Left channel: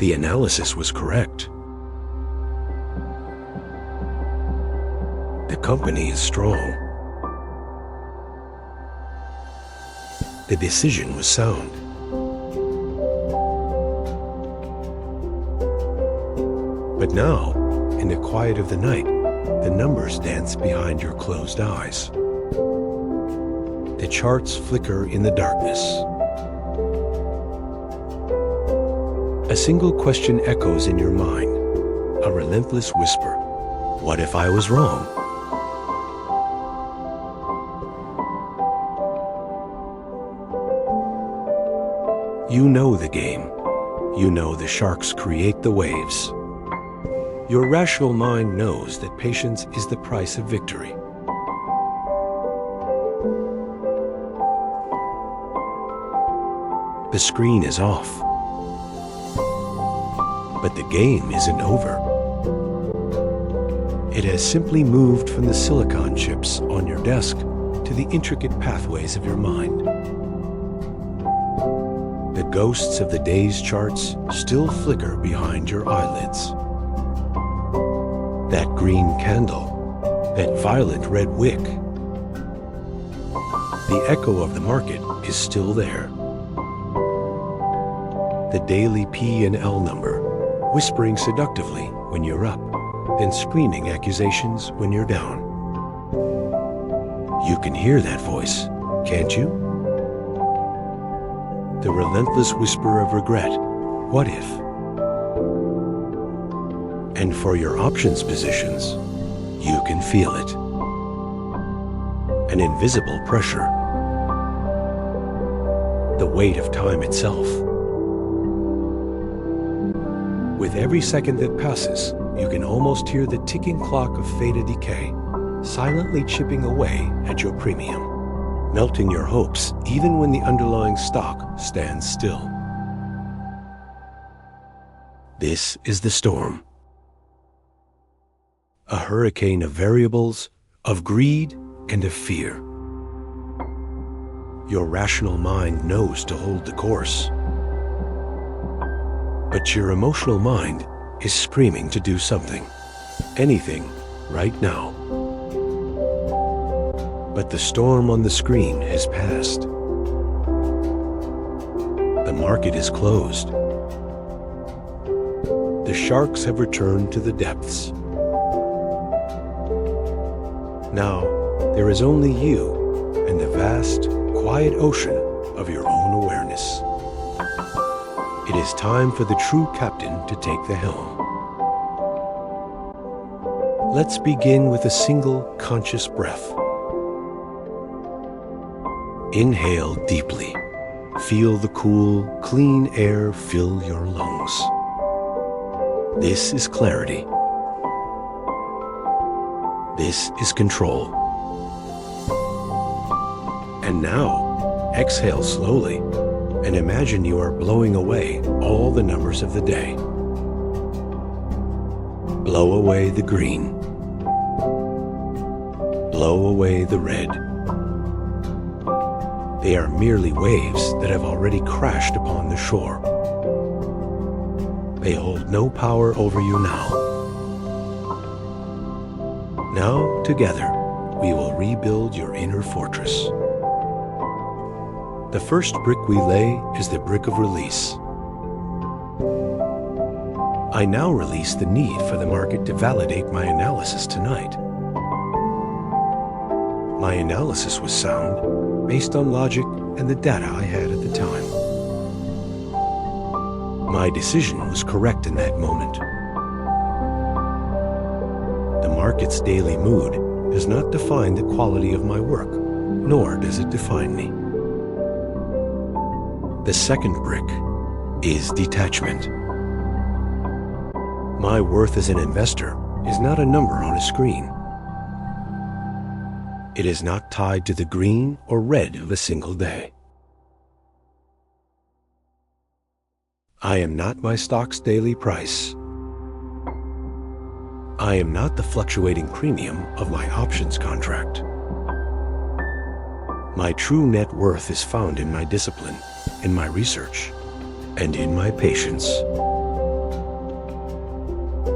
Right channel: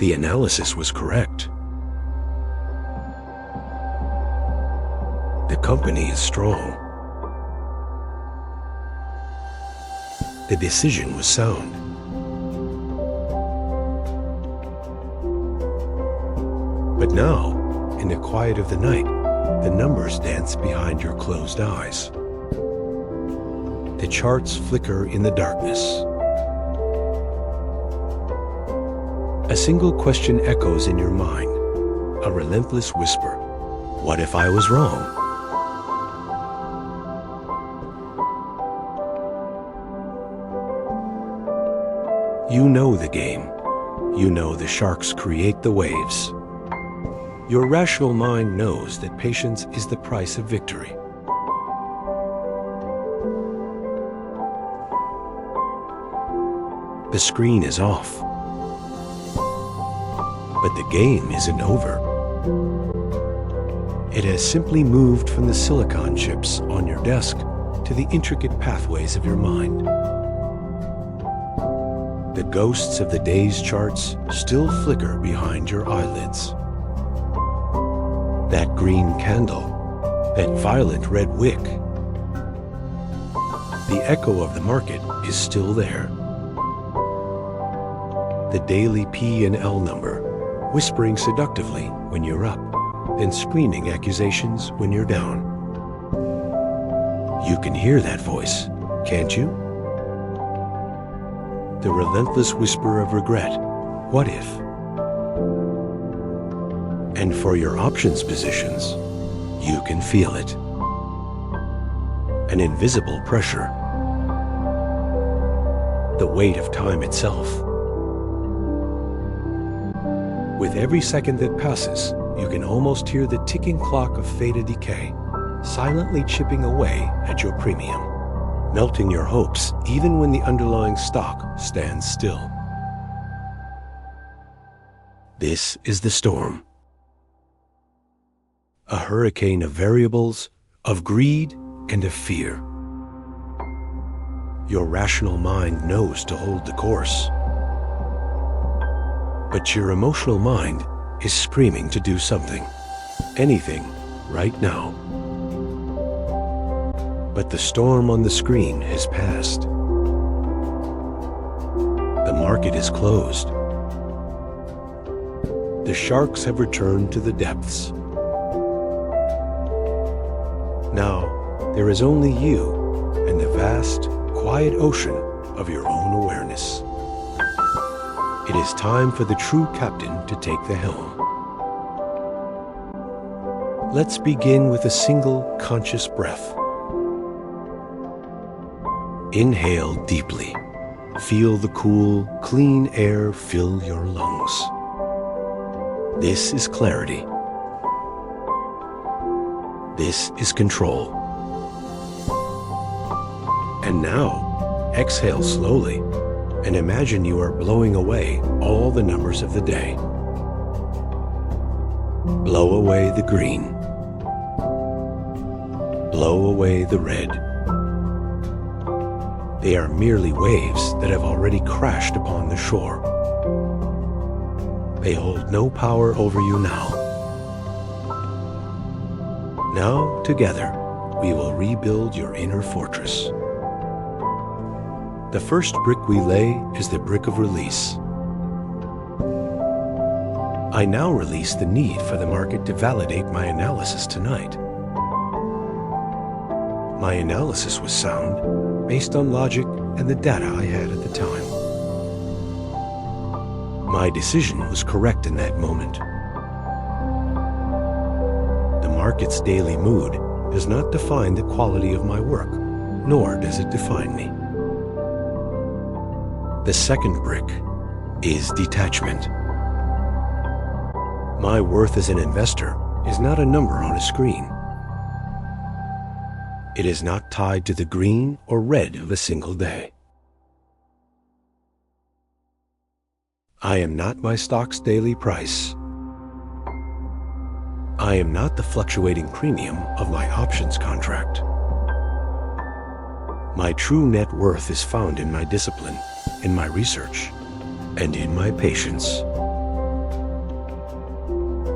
The analysis was correct. The company is strong. The decision was sound. But now, in the quiet of the night, the numbers dance behind your closed eyes. The charts flicker in the darkness. A single question echoes in your mind, a relentless whisper. What if I was wrong? You know the game. You know the sharks create the waves. Your rational mind knows that patience is the price of victory. The screen is off. But the game isn't over. It has simply moved from the silicon chips on your desk to the intricate pathways of your mind. The ghosts of the day's charts still flicker behind your eyelids. That green candle, that violet red wick. The echo of the market is still there. The daily P&L number, whispering seductively when you're up, then screaming accusations when you're down. You can hear that voice, can't you? The relentless whisper of regret, what if? And for your options positions, you can feel it. An invisible pressure. The weight of time itself. With every second that passes, you can almost hear the ticking clock of theta decay, silently chipping away at your premium, melting your hopes even when the underlying stock stands still. This is the storm. A hurricane of variables, of greed, and of fear. Your rational mind knows to hold the course. But your emotional mind is screaming to do something, anything, right now. But the storm on the screen has passed. The market is closed. The sharks have returned to the depths. Now, there is only you and the vast, quiet ocean of your own awareness. It is time for the true captain to take the helm. Let's begin with a single conscious breath. Inhale deeply. Feel the cool, clean air fill your lungs. This is clarity. This is control. And now, exhale slowly and imagine you are blowing away all the numbers of the day. Blow away the green. Blow away the red. They are merely waves that have already crashed upon the shore. They hold no power over you now. Now, together, we will rebuild your inner fortress. The first brick we lay is the brick of release. I now release the need for the market to validate my analysis tonight. My analysis was sound, based on logic and the data I had at the time. My decision was correct in that moment. The market's daily mood does not define the quality of my work, nor does it define me. The second brick is detachment. My worth as an investor is not a number on a screen. It is not tied to the green or red of a single day. I am not my stock's daily price. I am not the fluctuating premium of my options contract. My true net worth is found in my discipline, in my research, and in my patience.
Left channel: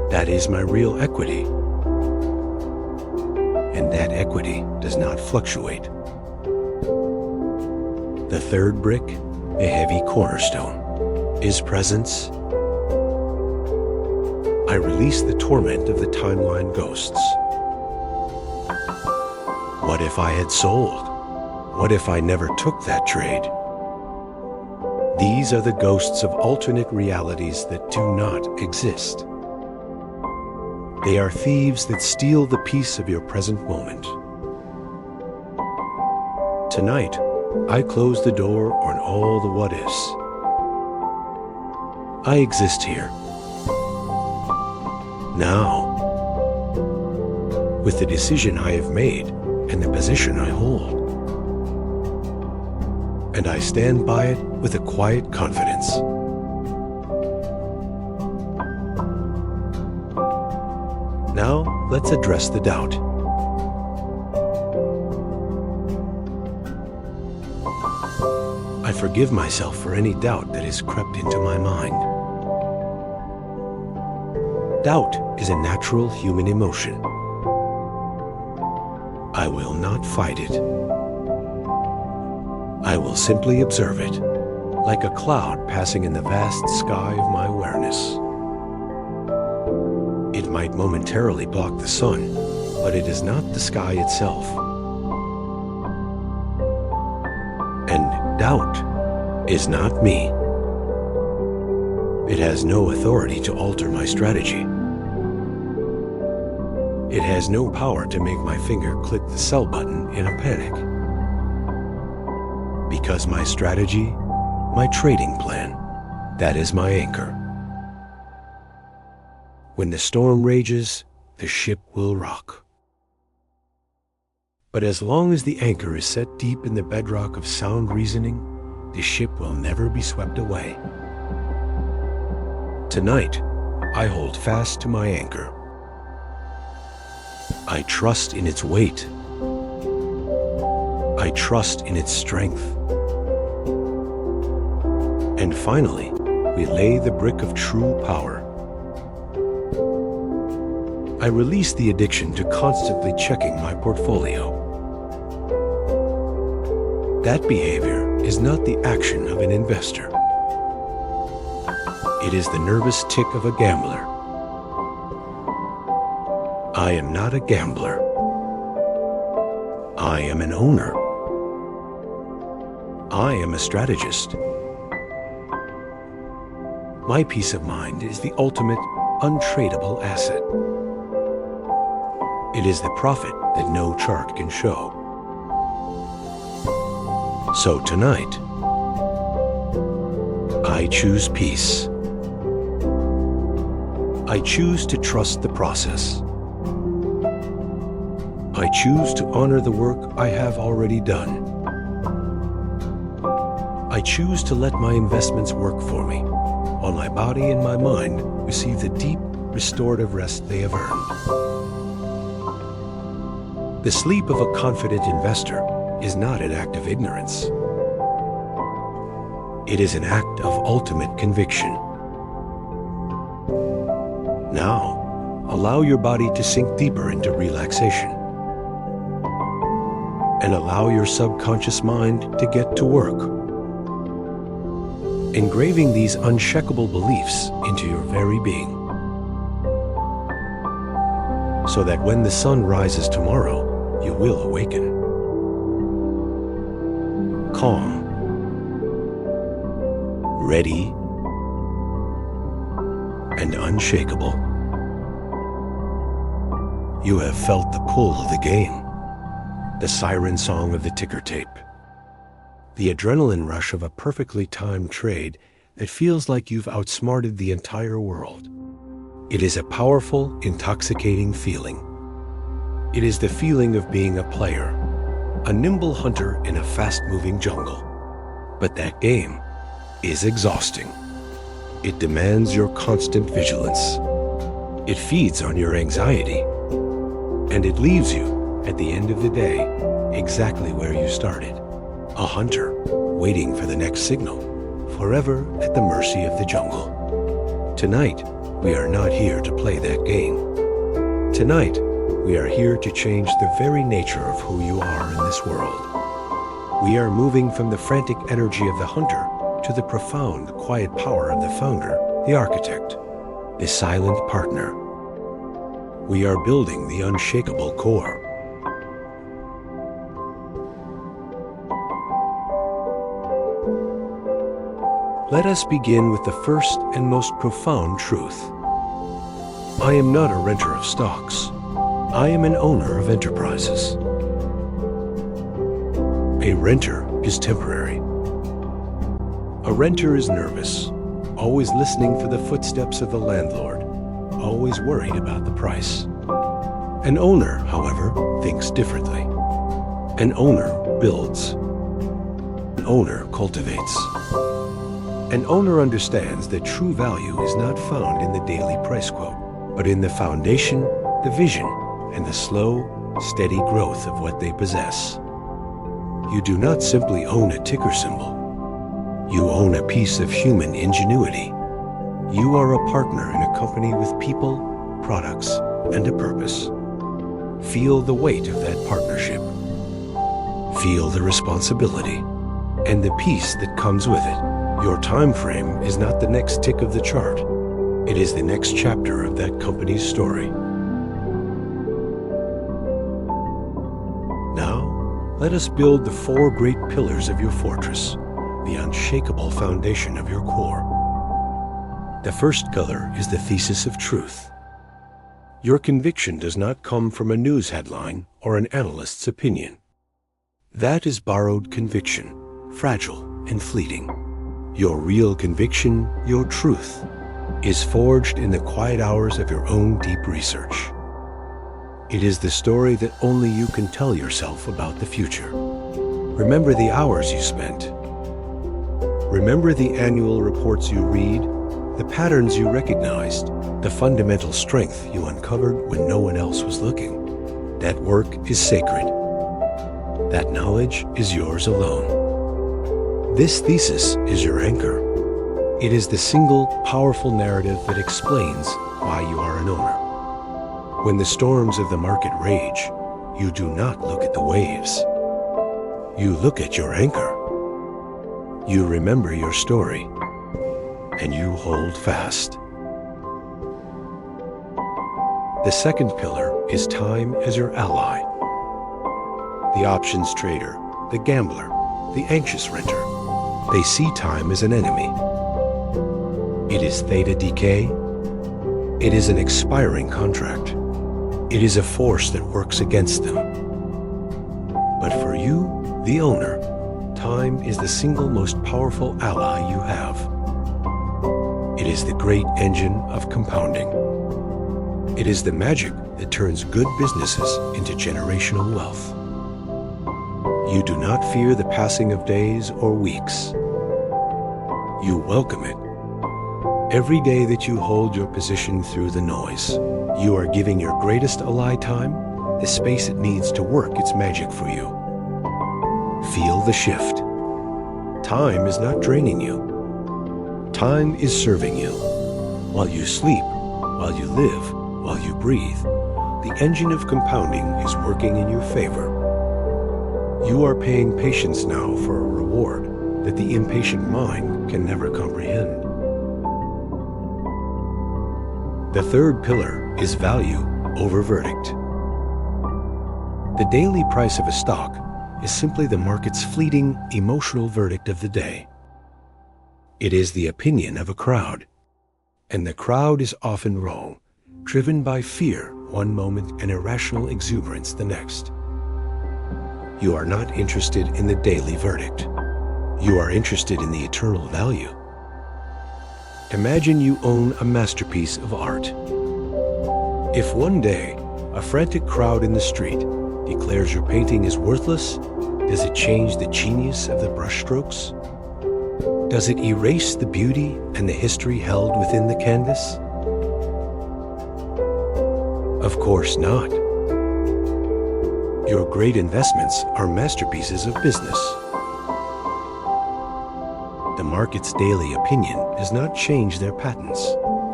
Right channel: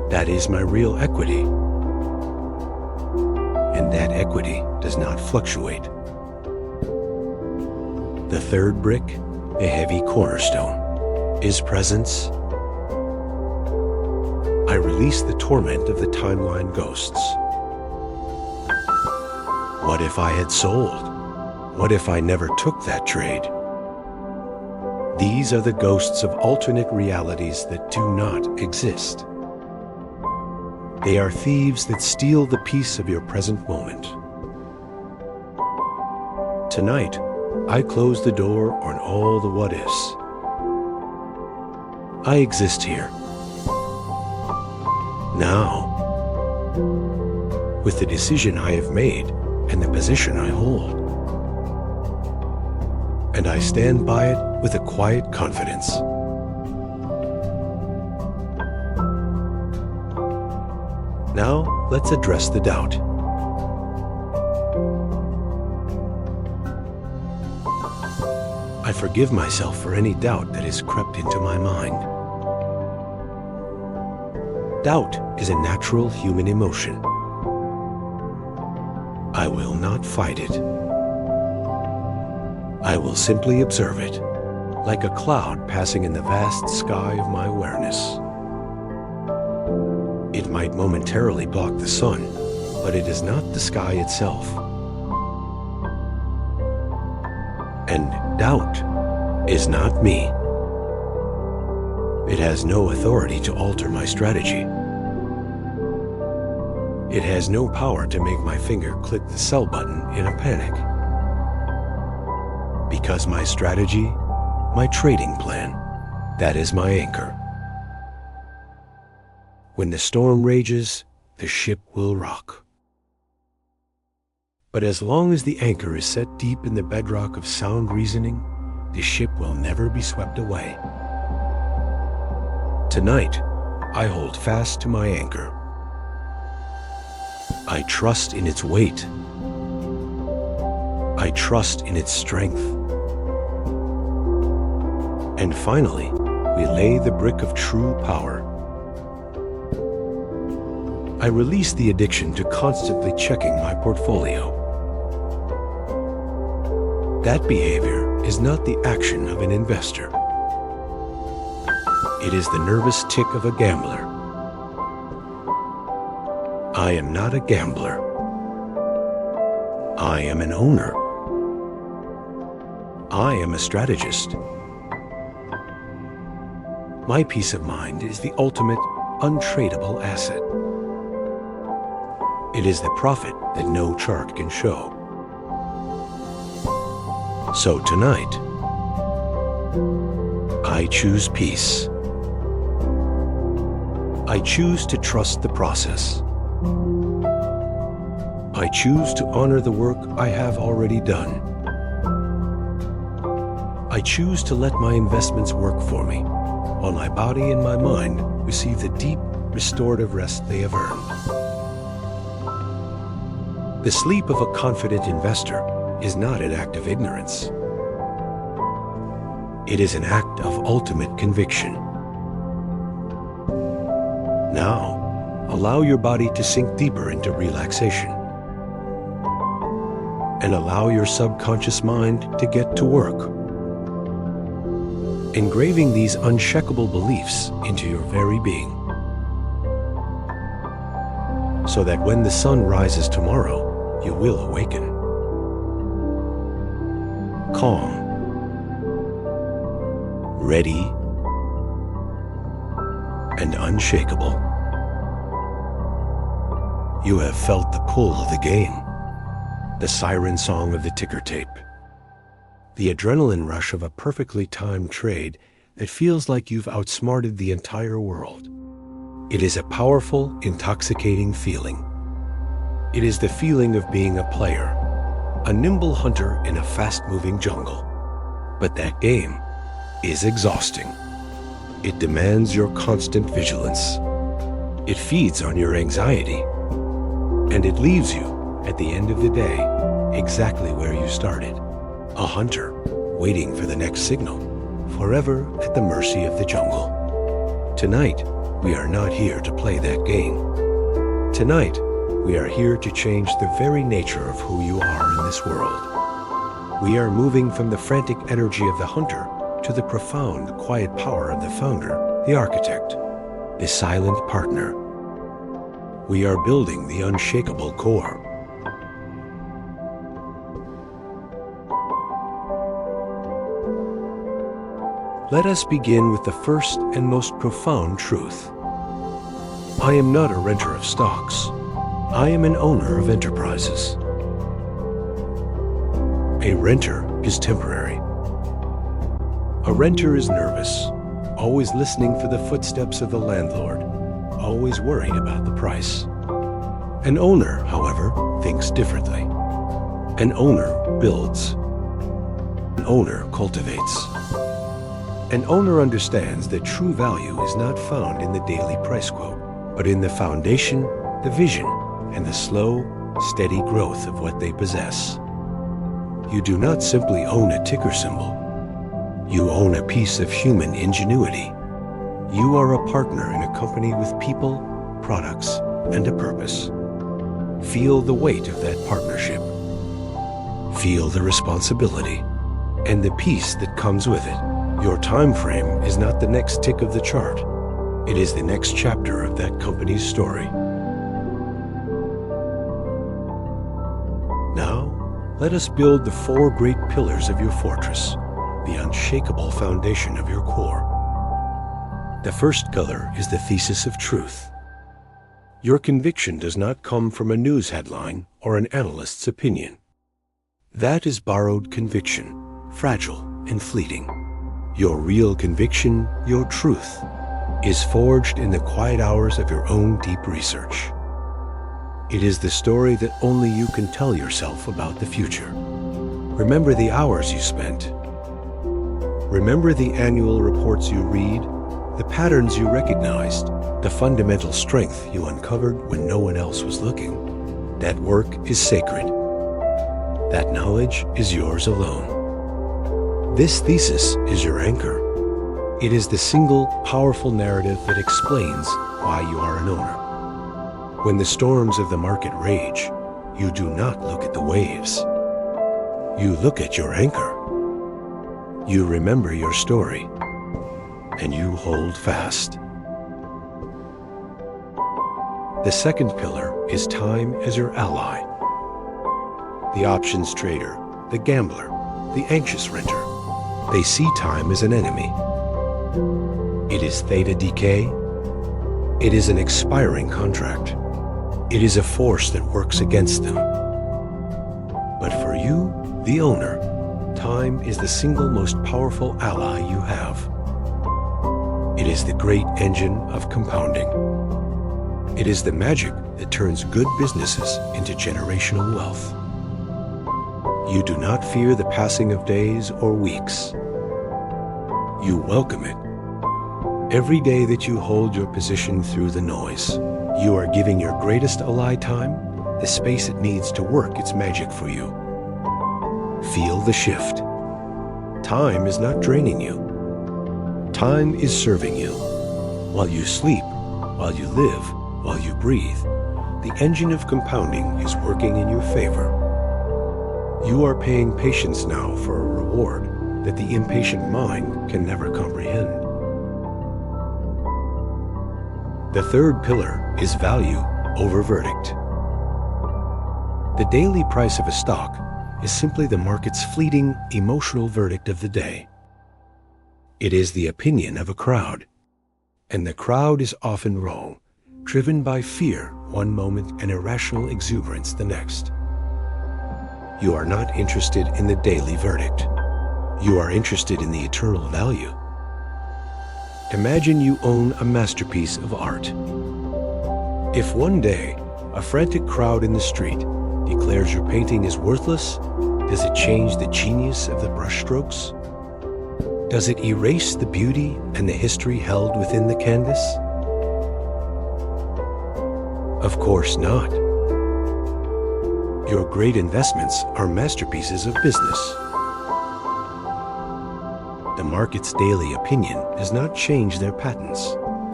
That is my real equity. And that equity does not fluctuate. The third brick, a heavy cornerstone, is presence. I release the torment of the timeline ghosts. What if I had sold? What if I never took that trade? These are the ghosts of alternate realities that do not exist. They are thieves that steal the peace of your present moment. Tonight, I close the door on all the what-ifs. I exist here. Now, with the decision I have made and the position I hold. And I stand by it with a quiet confidence. Now, let's address the doubt. I forgive myself for any doubt that has crept into my mind. Doubt is a natural human emotion. I will not fight it. I will simply observe it, like a cloud passing in the vast sky of my awareness. It might momentarily block the sun, but it is not the sky itself. And doubt is not me. It has no authority to alter my strategy. It has no power to make my finger click the sell button in a panic. Because my strategy, my trading plan, that is my anchor. When the storm rages, the ship will rock. But as long as the anchor is set deep in the bedrock of sound reasoning, the ship will never be swept away. Tonight, I hold fast to my anchor. I trust in its weight. I trust in its strength. And finally, we lay the brick of true power. I release the addiction to constantly checking my portfolio. That behavior is not the action of an investor. It is the nervous tick of a gambler. I am not a gambler. I am an owner. I am a strategist. My peace of mind is the ultimate, untradeable asset. It is the profit that no chart can show. So tonight, I choose peace. I choose to trust the process. I choose to honor the work I have already done. I choose to let my investments work for me, while my body and my mind receive the deep, restorative rest they have earned. The sleep of a confident investor is not an act of ignorance. It is an act of ultimate conviction. Now, allow your body to sink deeper into relaxation. And allow your subconscious mind to get to work. Engraving these uncheckable beliefs into your very being. So that when the sun rises tomorrow, you will awaken. Calm. Ready. And unshakable. You have felt the pull of the game. The siren song of the ticker tape. The adrenaline rush of a perfectly timed trade that feels like you've outsmarted the entire world. It is a powerful, intoxicating feeling. It is the feeling of being a player, a nimble hunter in a fast-moving jungle. But that game is exhausting. It demands your constant vigilance. It feeds on your anxiety. And it leaves you, at the end of the day, exactly where you started. A hunter, waiting for the next signal, forever at the mercy of the jungle. Tonight, we are not here to play that game. Tonight, we are here to change the very nature of who you are in this world. We are moving from the frantic energy of the hunter to the profound, quiet power of the founder, the architect, the silent partner. We are building the unshakable core. Let us begin with the first and most profound truth. I am not a renter of stocks. I am an owner of enterprises. A renter is temporary. A renter is nervous, always listening for the footsteps of the landlord, always worried about the price. An owner, however, thinks differently. An owner builds. An owner cultivates. An owner understands that true value is not found in the daily price quote, but in the foundation, the vision, and the slow, steady growth of what they possess. You do not simply own a ticker symbol. You own a piece of human ingenuity. You are a partner in a company with people, products, and a purpose. Feel the weight of that partnership. Feel the responsibility and the peace that comes with it. Your time frame is not the next tick of the chart. It is the next chapter of that company's story. Now, let us build the four great pillars of your fortress, the unshakable foundation of your core. The first pillar is the thesis of truth. Your conviction does not come from a news headline or an analyst's opinion. That is borrowed conviction, fragile and fleeting. Your real conviction, your truth, is forged in the quiet hours of your own deep research. It is the story that only you can tell yourself about the future. Remember the hours you spent. Remember the annual reports you read, the patterns you recognized, the fundamental strength you uncovered when no one else was looking. That work is sacred. That knowledge is yours alone. This thesis is your anchor. It is the single, powerful narrative that explains why you are an owner. When the storms of the market rage, you do not look at the waves. You look at your anchor. You remember your story, and you hold fast. The second pillar is time as your ally. The options trader, the gambler, the anxious renter, they see time as an enemy. It is theta decay. It is an expiring contract. It is a force that works against them. But for you, the owner, time is the single most powerful ally you have. It is the great engine of compounding. It is the magic that turns good businesses into generational wealth. You do not fear the passing of days or weeks. You welcome it. Every day that you hold your position through the noise, you are giving your greatest ally time the space it needs to work its magic for you. Feel the shift. Time is not draining you. Time is serving you. While you sleep, while you live, while you breathe, the engine of compounding is working in your favor. You are paying patience now for a reward that the impatient mind can never comprehend. The third pillar is value over verdict. The daily price of a stock is simply the market's fleeting, emotional verdict of the day. It is the opinion of a crowd, and the crowd is often wrong, driven by fear one moment and irrational exuberance the next. You are not interested in the daily verdict. You are interested in the eternal value. Imagine you own a masterpiece of art. If one day a frantic crowd in the street declares your painting is worthless, does it change the genius of the brushstrokes? Does it erase the beauty and the history held within the canvas? Of course not. Your great investments are masterpieces of business. The market's daily opinion does not change their patents,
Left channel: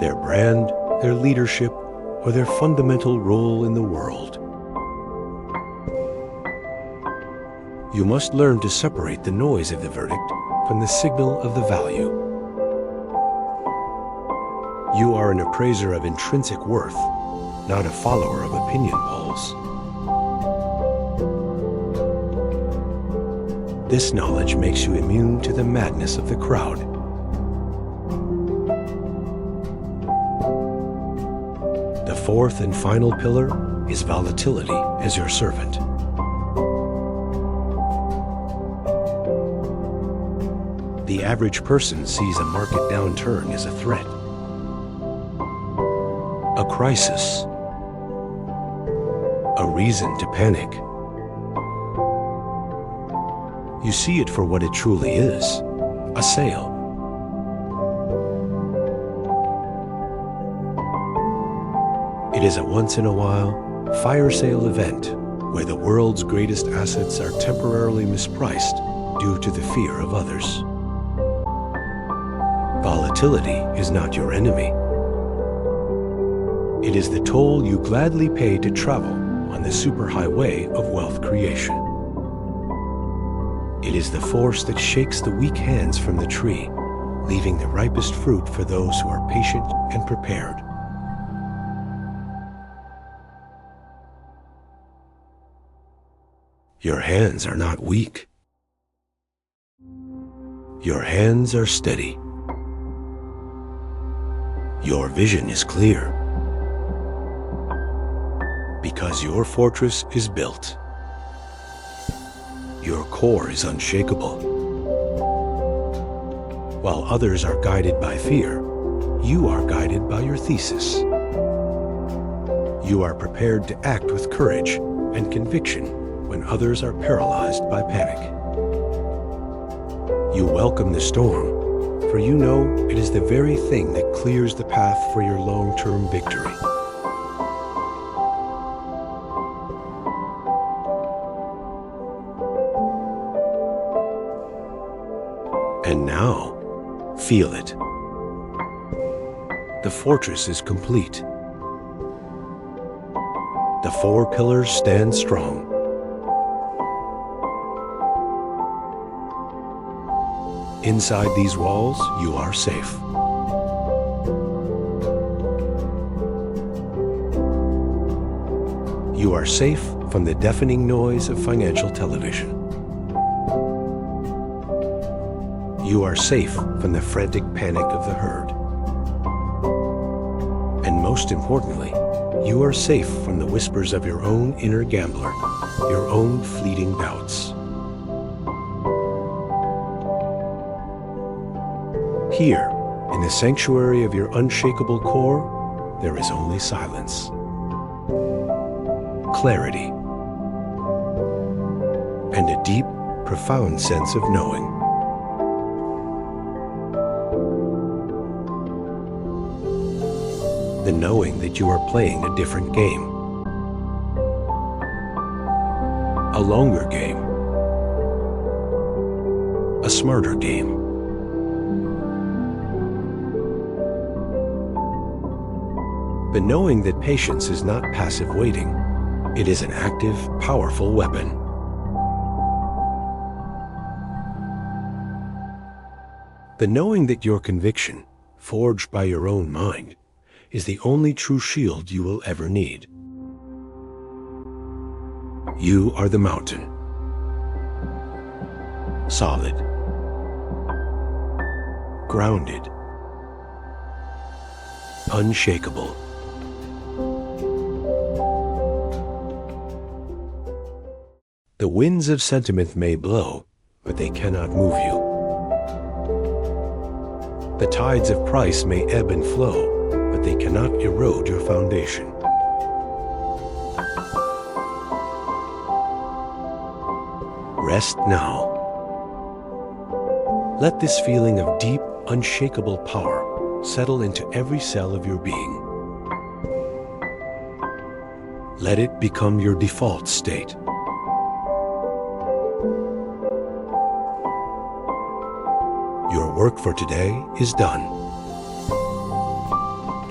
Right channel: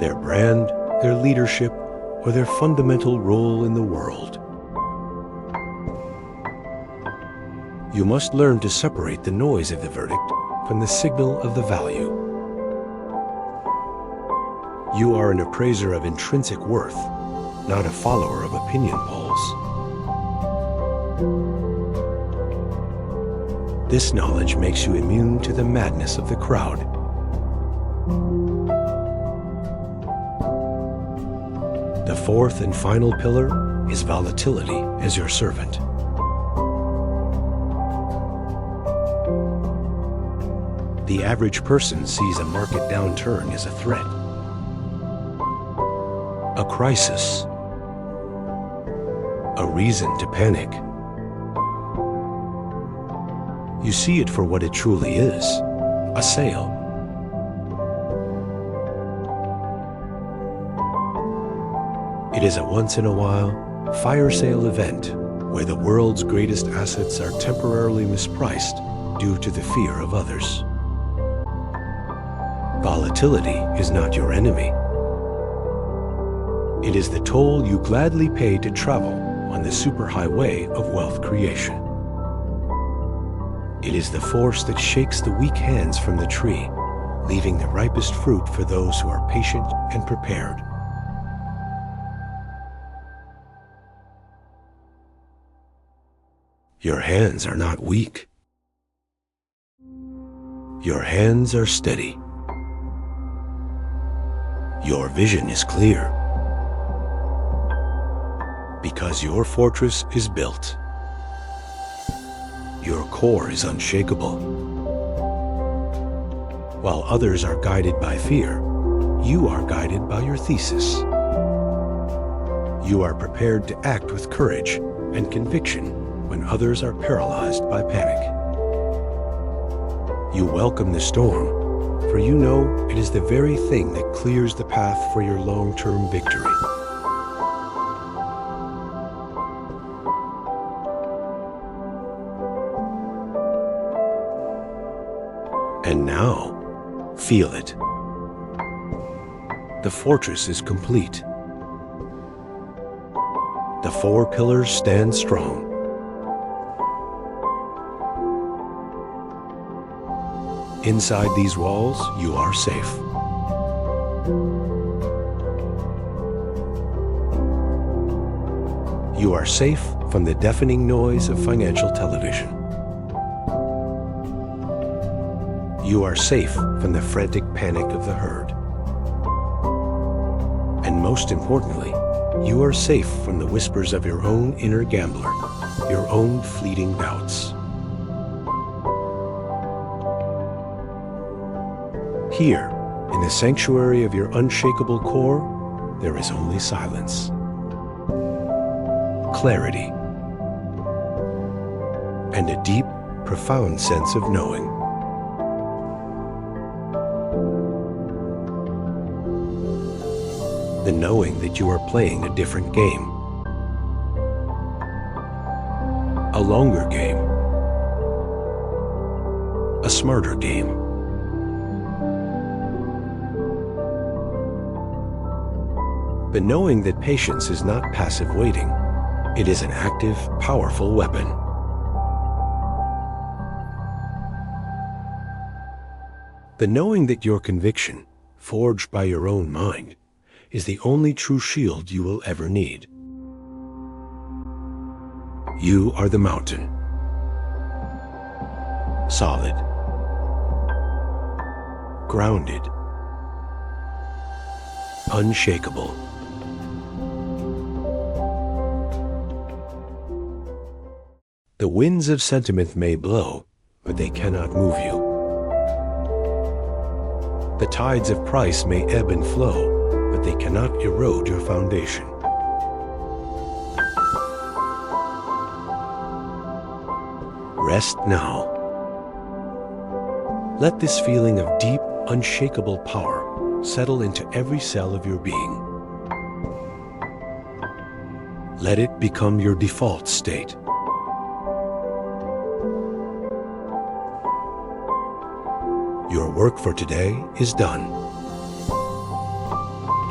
their brand, their leadership, or their fundamental role in the world. You must learn to separate the noise of the verdict from the signal of the value. You are an appraiser of intrinsic worth, not a follower of opinion polls. This knowledge makes you immune to the madness of the crowd. The fourth and final pillar is volatility as your servant. The average person sees a market downturn as a threat, a crisis, a reason to panic. You see it for what it truly is, a sale. It is a once-in-a-while fire sale event where the world's greatest assets are temporarily mispriced due to the fear of others. Volatility is not your enemy. It is the toll you gladly pay to travel on the superhighway of wealth creation. It is the force that shakes the weak hands from the tree, leaving the ripest fruit for those who are patient and prepared. Your hands are not weak. Your hands are steady. Your vision is clear, because your fortress is built. Your core is unshakable. While others are guided by fear, you are guided by your thesis. You are prepared to act with courage and conviction when others are paralyzed by panic. You welcome the storm, for you know it is the very thing that clears the path for your long-term victory. And now, feel it. The fortress is complete. The four pillars stand strong. Inside these walls, you are safe. You are safe from the deafening noise of financial television. You are safe from the frantic panic of the herd. And most importantly, you are safe from the whispers of your own inner gambler, your own fleeting doubts. Here, in the sanctuary of your unshakable core, there is only silence, clarity, and a deep, profound sense of knowing. The knowing that you are playing a different game, a longer game, a smarter game. The knowing that patience is not passive waiting, it is an active, powerful weapon. The knowing that your conviction, forged by your own mind, is the only true shield you will ever need. You are the mountain. Solid. Grounded. Unshakable. The winds of sentiment may blow, but they cannot move you. The tides of price may ebb and flow, but they cannot erode your foundation. Rest now. Let this feeling of deep, unshakable power settle into every cell of your being. Let it become your default state. Your work for today is done.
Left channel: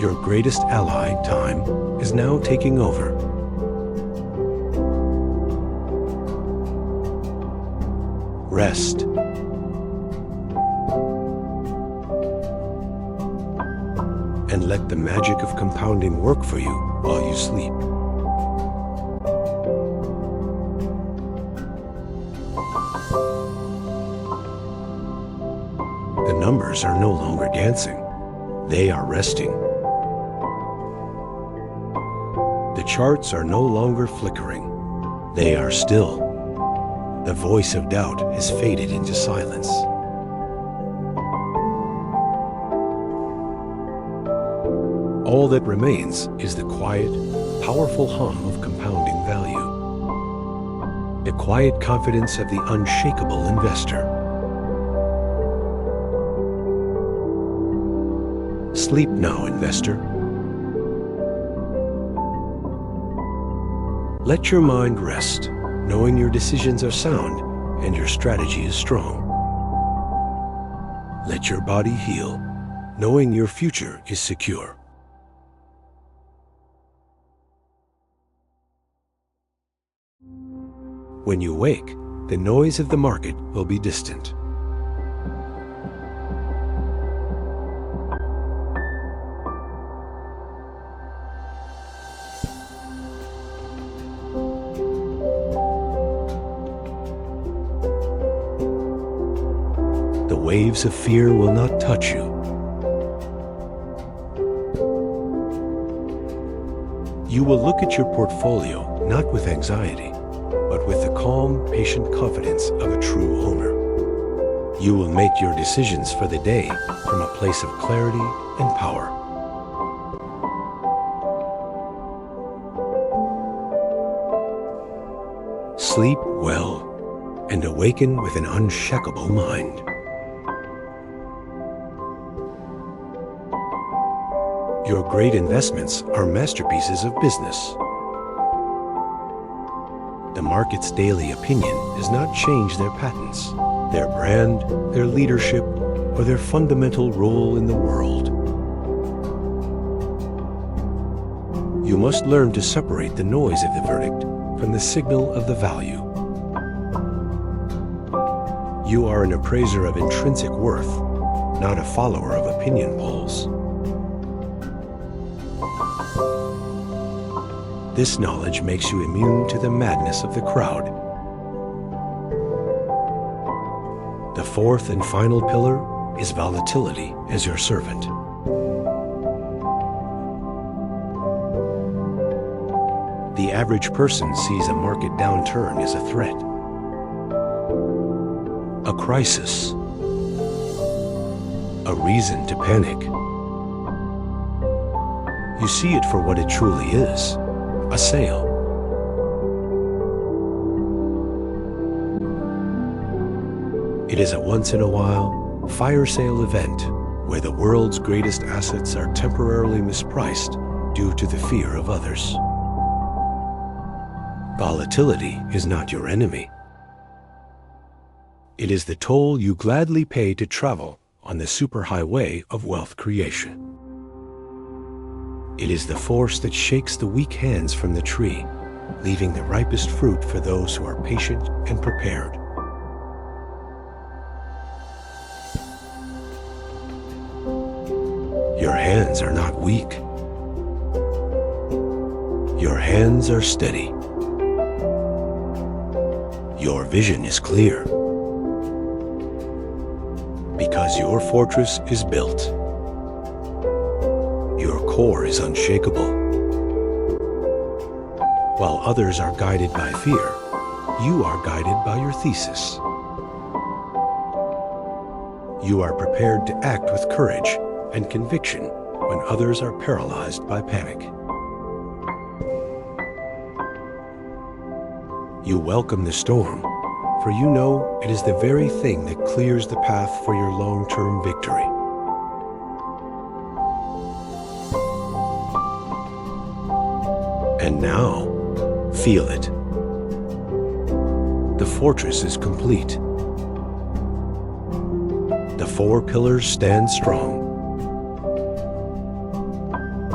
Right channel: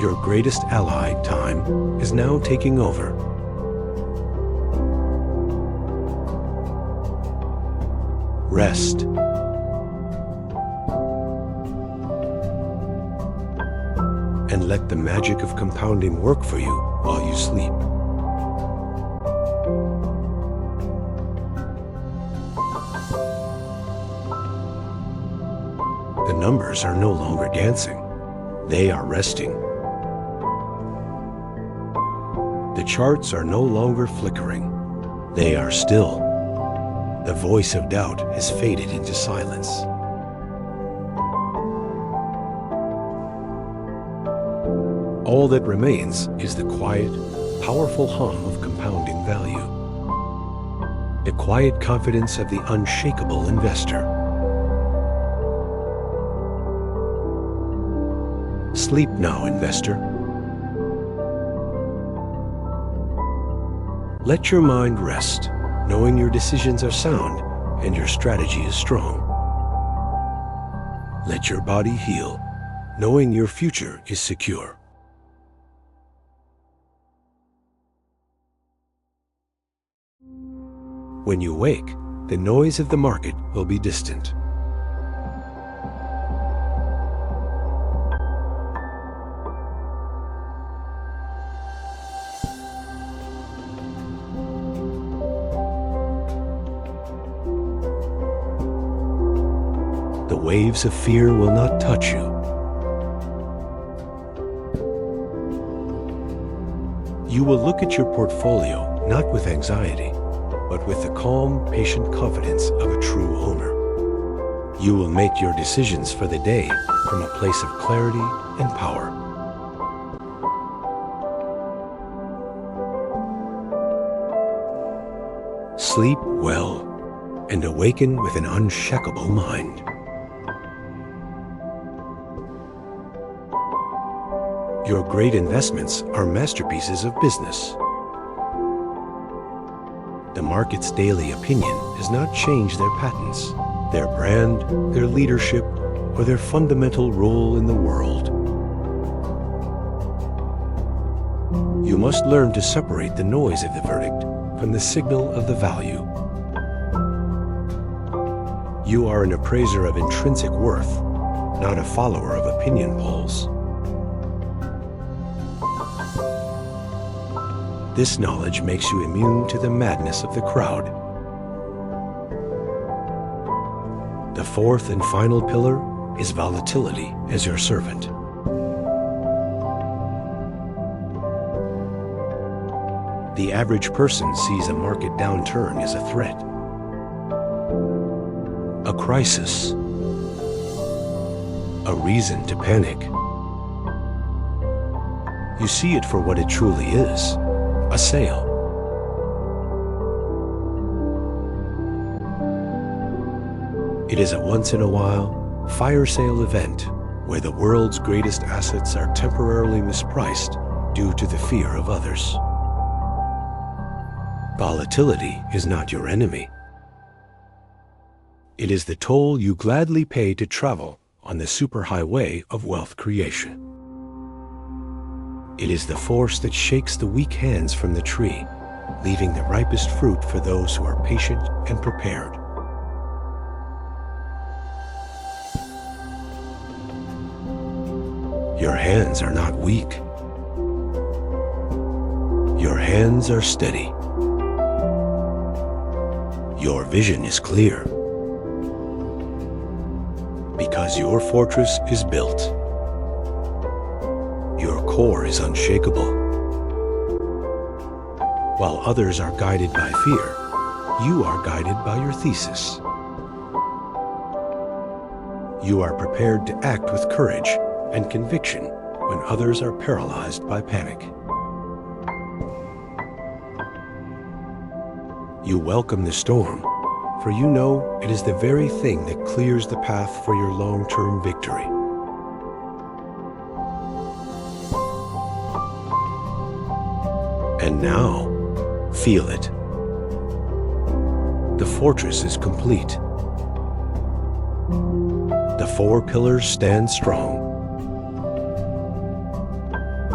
Your greatest ally, time, is now taking over. Rest. And let the magic of compounding work for you while you sleep. The numbers are no longer dancing. They are resting. The charts are no longer flickering. They are still. The voice of doubt has faded into silence. All that remains is the quiet, powerful hum of compounding value. The quiet confidence of the unshakable investor. Sleep now, investor. Let your mind rest, knowing your decisions are sound and your strategy is strong. Let your body heal, knowing your future is secure. When you wake, the noise of the market will be distant. The waves of fear will not touch you. You will look at your portfolio not with anxiety, but with the calm, patient confidence of a true owner. You will make your decisions for the day from a place of clarity and power. Sleep well and awaken with an unshakable mind. Your great investments are masterpieces of business. The market's daily opinion does not change their patents, their brand, their leadership, or their fundamental role in the world. You must learn to separate the noise of the verdict from the signal of the value. You are an appraiser of intrinsic worth, not a follower of opinion polls. This knowledge makes you immune to the madness of the crowd. The fourth and final pillar is volatility as your servant. The average person sees a market downturn as a threat, a crisis, a reason to panic. You see it for what it truly is. A sale. It is a once-in-a-while fire sale event where the world's greatest assets are temporarily mispriced due to the fear of others. Volatility is not your enemy. It is the toll you gladly pay to travel on the superhighway of wealth creation. It is the force that shakes the weak hands from the tree, leaving the ripest fruit for those who are patient and prepared. Your hands are not weak. Your hands are steady. Your vision is clear. Because your fortress is built. Your core is unshakable. While others are guided by fear, you are guided by your thesis. You are prepared to act with courage and conviction when others are paralyzed by panic. You welcome the storm, for you know it is the very thing that clears the path for your long-term victory. And now, feel it. The fortress is complete. The four pillars stand strong.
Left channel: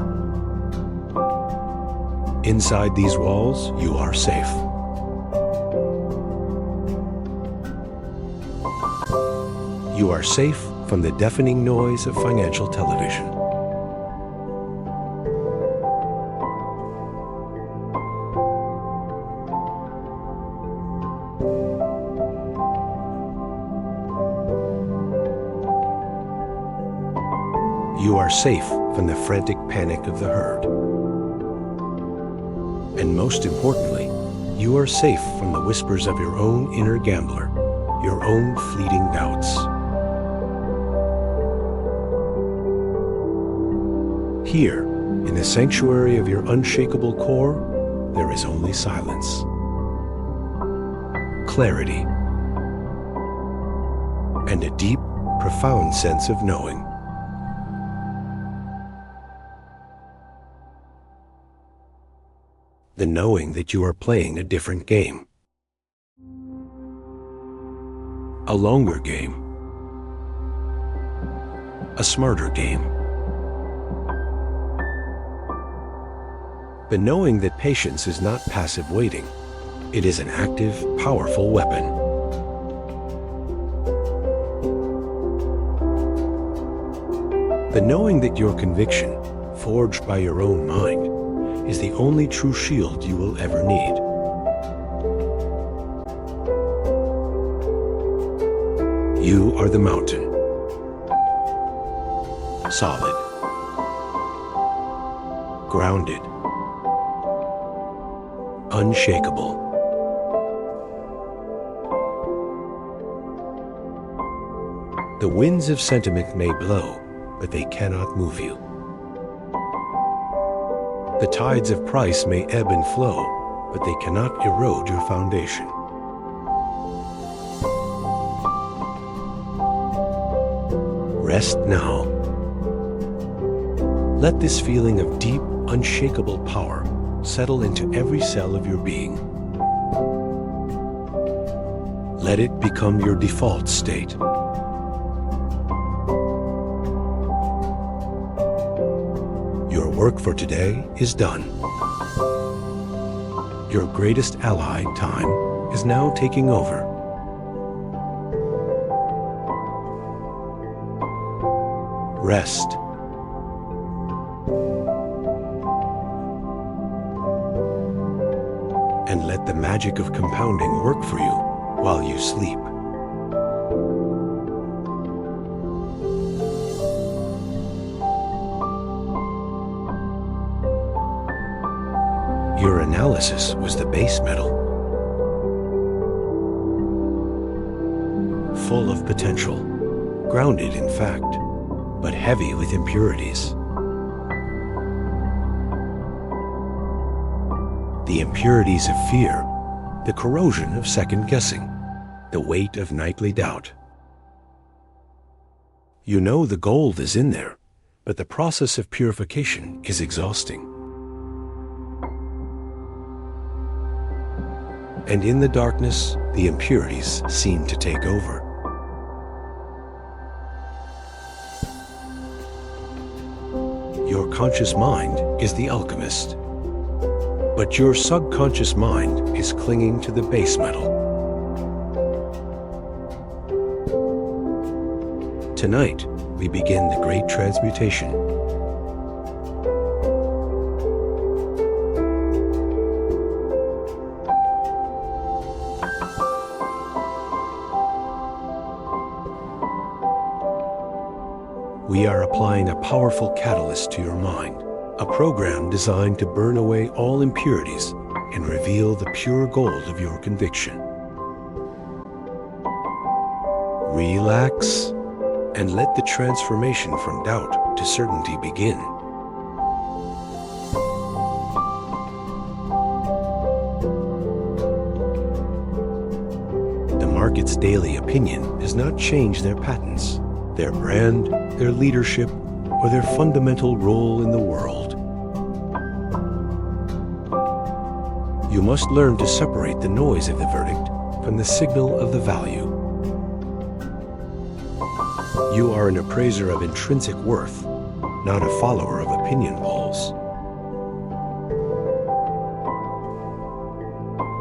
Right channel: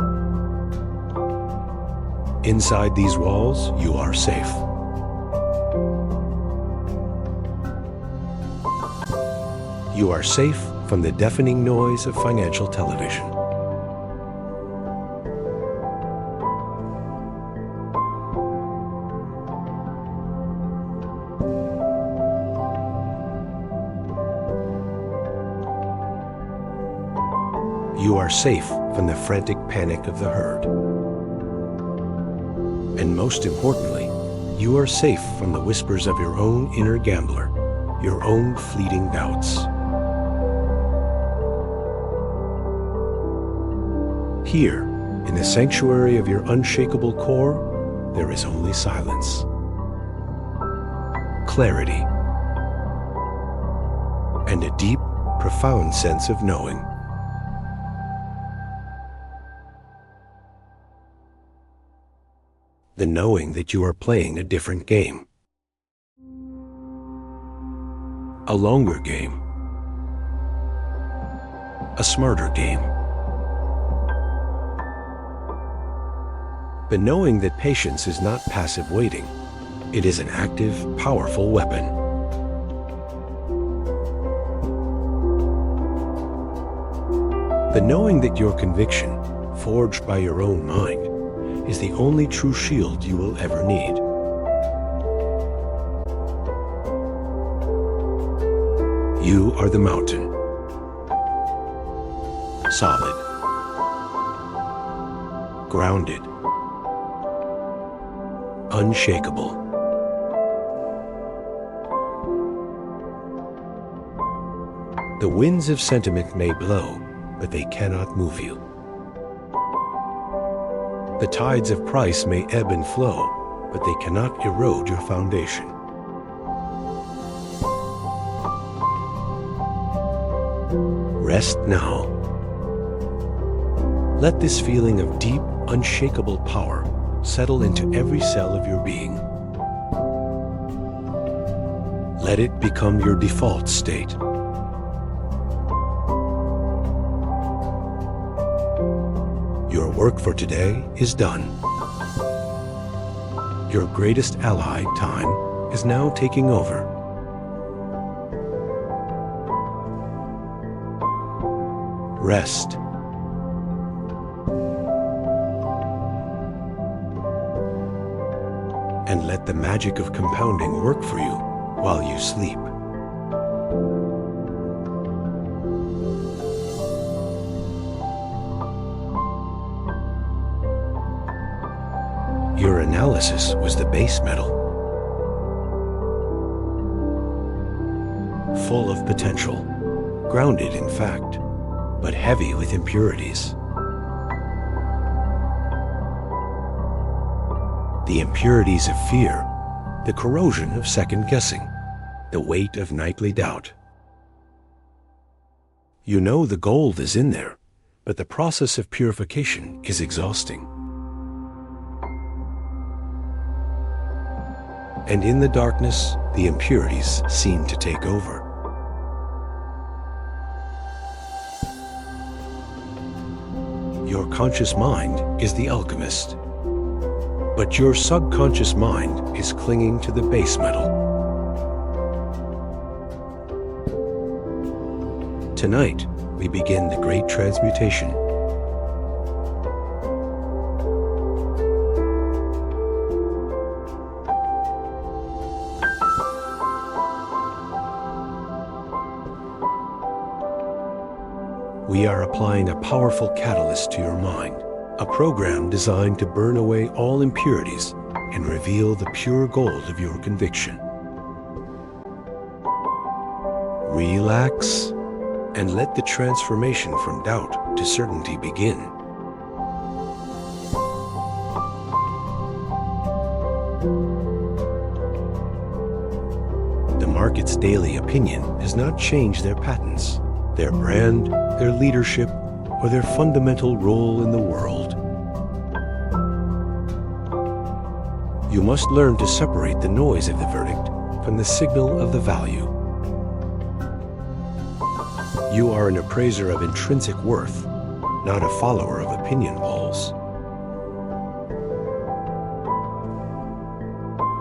Inside these walls, you are safe. You are safe from the deafening noise of financial television. You are safe from the frantic panic of the herd. And most importantly, you are safe from the whispers of your own inner gambler, your own fleeting doubts. Here, in the sanctuary of your unshakable core, there is only silence, clarity, and a deep, profound sense of knowing. The knowing that you are playing a different game. A longer game. A smarter game. The knowing that patience is not passive waiting. It is an active, powerful weapon. The knowing that your conviction, forged by your own mind, is the only true shield you will ever need. You are the mountain. Solid. Grounded. Unshakable. The winds of sentiment may blow, but they cannot move you. The tides of price may ebb and flow, but they cannot erode your foundation. Rest now. Let this feeling of deep, unshakable power settle into every cell of your being. Let it become your default state. Your work for today is done. Your greatest ally, time, is now taking over. Rest. And let the magic of compounding work for you while you sleep. Your analysis was the base metal, full of potential, grounded in fact, but heavy with impurities. The impurities of fear, the corrosion of second guessing, the weight of nightly doubt. You know the gold is in there, but the process of purification is exhausting. And in the darkness, the impurities seem to take over. Your conscious mind is the alchemist, but your subconscious mind is clinging to the base metal. Tonight, we begin the great transmutation. We are applying a powerful catalyst to your mind, a program designed to burn away all impurities and reveal the pure gold of your conviction. Relax and let the transformation from doubt to certainty begin. The market's daily opinion does not change their patents, their brand, their leadership, or their fundamental role in the world. You must learn to separate the noise of the verdict from the signal of the value. You are an appraiser of intrinsic worth, not a follower of opinion polls.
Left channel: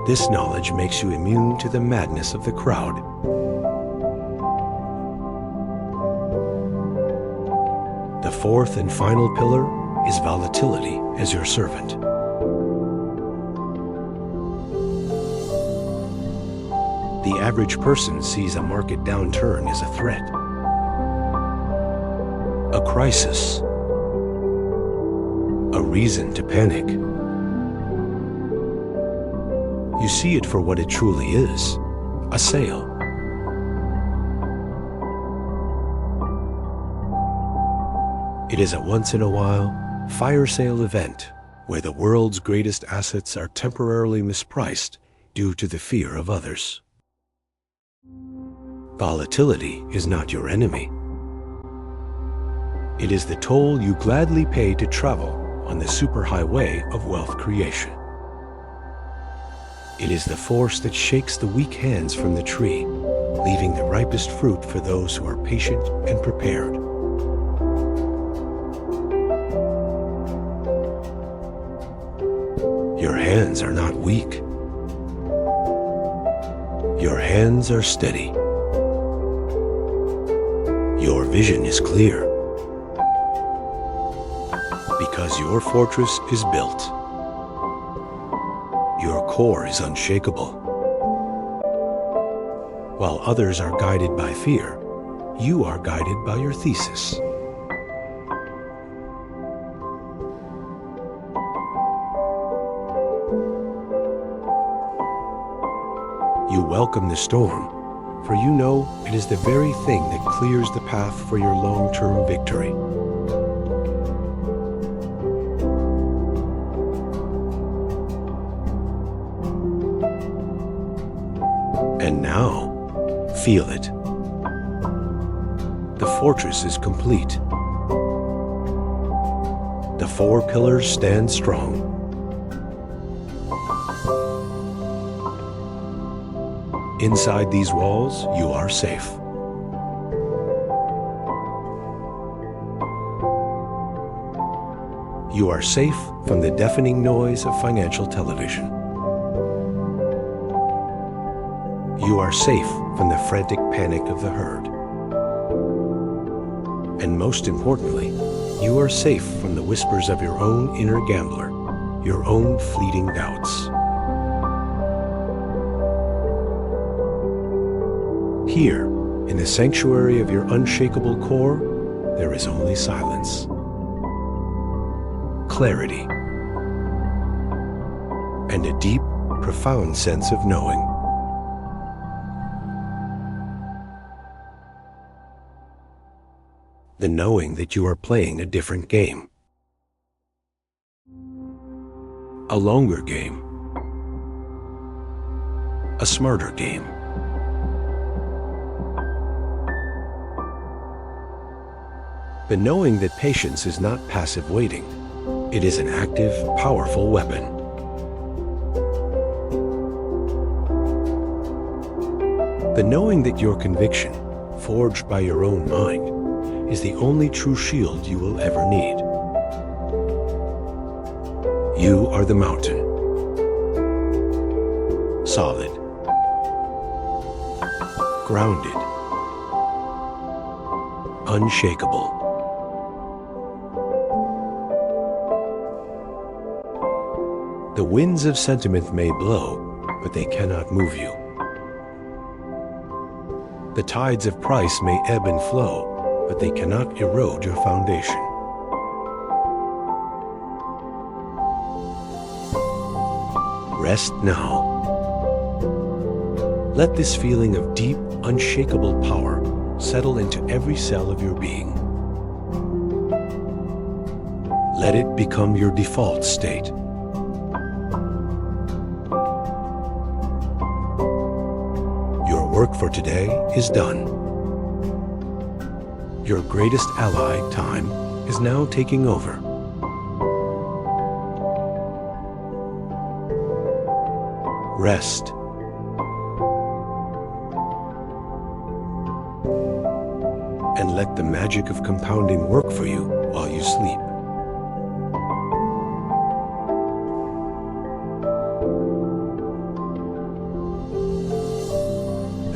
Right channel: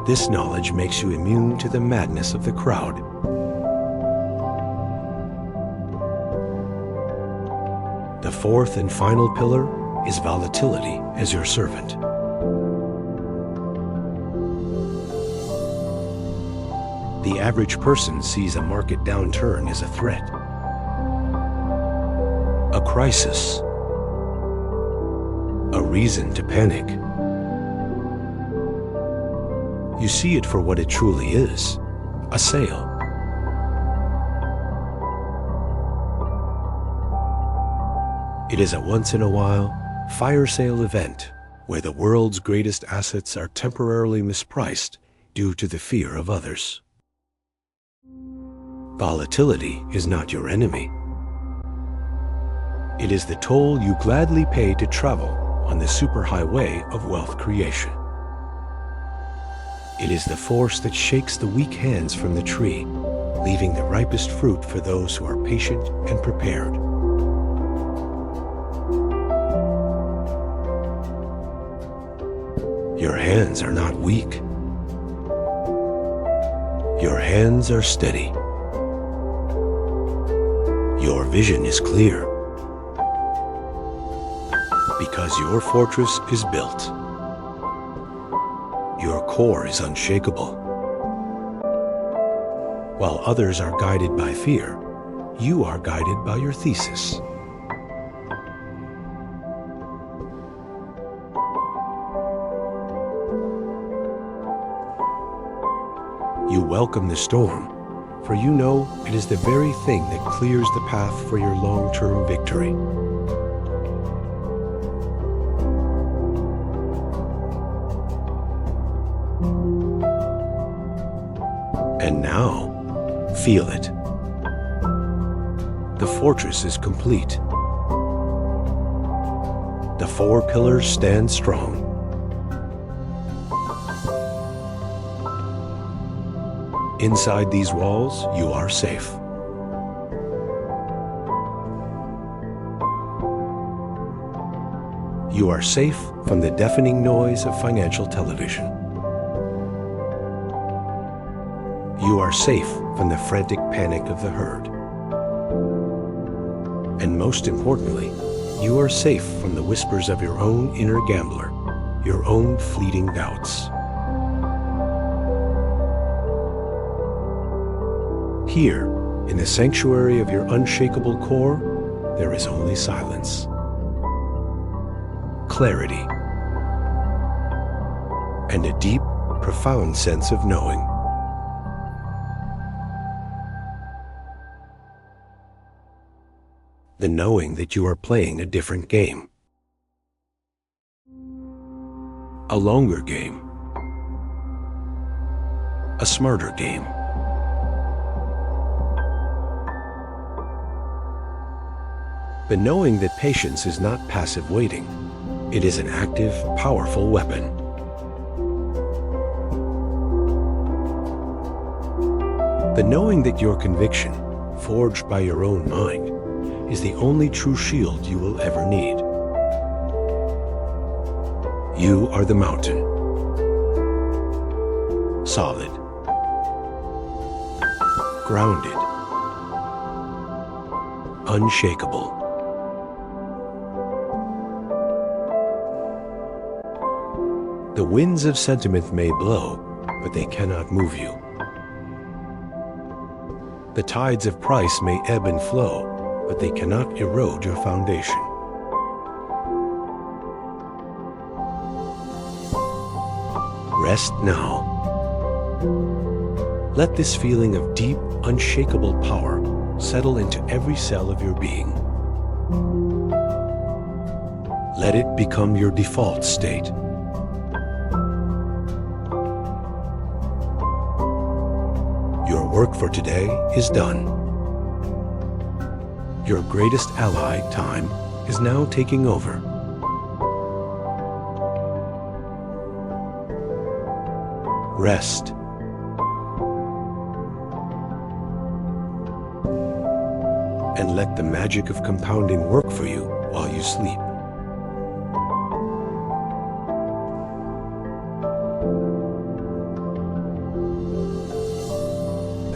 This knowledge makes you immune to the madness of the crowd. The fourth and final pillar is volatility as your servant. The average person sees a market downturn as a threat, a crisis, a reason to panic. You see it for what it truly is, a sale. It is a once-in-a-while fire sale event where the world's greatest assets are temporarily mispriced due to the fear of others. Volatility is not your enemy. It is the toll you gladly pay to travel on the superhighway of wealth creation. It is the force that shakes the weak hands from the tree, leaving the ripest fruit for those who are patient and prepared. Your hands are not weak. Your hands are steady. Your vision is clear. Because your fortress is built. Your core is unshakable. While others are guided by fear, you are guided by your thesis. You welcome the storm, for you know it is the very thing that clears the path for your long-term victory. And now, feel it. The fortress is complete. The four pillars stand strong. Inside these walls, you are safe. You are safe from the deafening noise of financial television. You are safe from the frantic panic of the herd. And most importantly, you are safe from the whispers of your own inner gambler, your own fleeting doubts. Here, in the sanctuary of your unshakable core, there is only silence, clarity, and a deep, profound sense of knowing. The knowing that you are playing a different game. A longer game. A smarter game. The knowing that patience is not passive waiting. It is an active, powerful weapon. The knowing that your conviction, forged by your own mind, is the only true shield you will ever need. You are the mountain. Solid. Grounded. Unshakable. The winds of sentiment may blow, but they cannot move you. The tides of price may ebb and flow, but they cannot erode your foundation. Rest now. Let this feeling of deep, unshakable power settle into every cell of your being. Let it become your default state. Your work for today is done. Your greatest ally, time, is now taking over. Rest. And let the magic of compounding work for you while you sleep.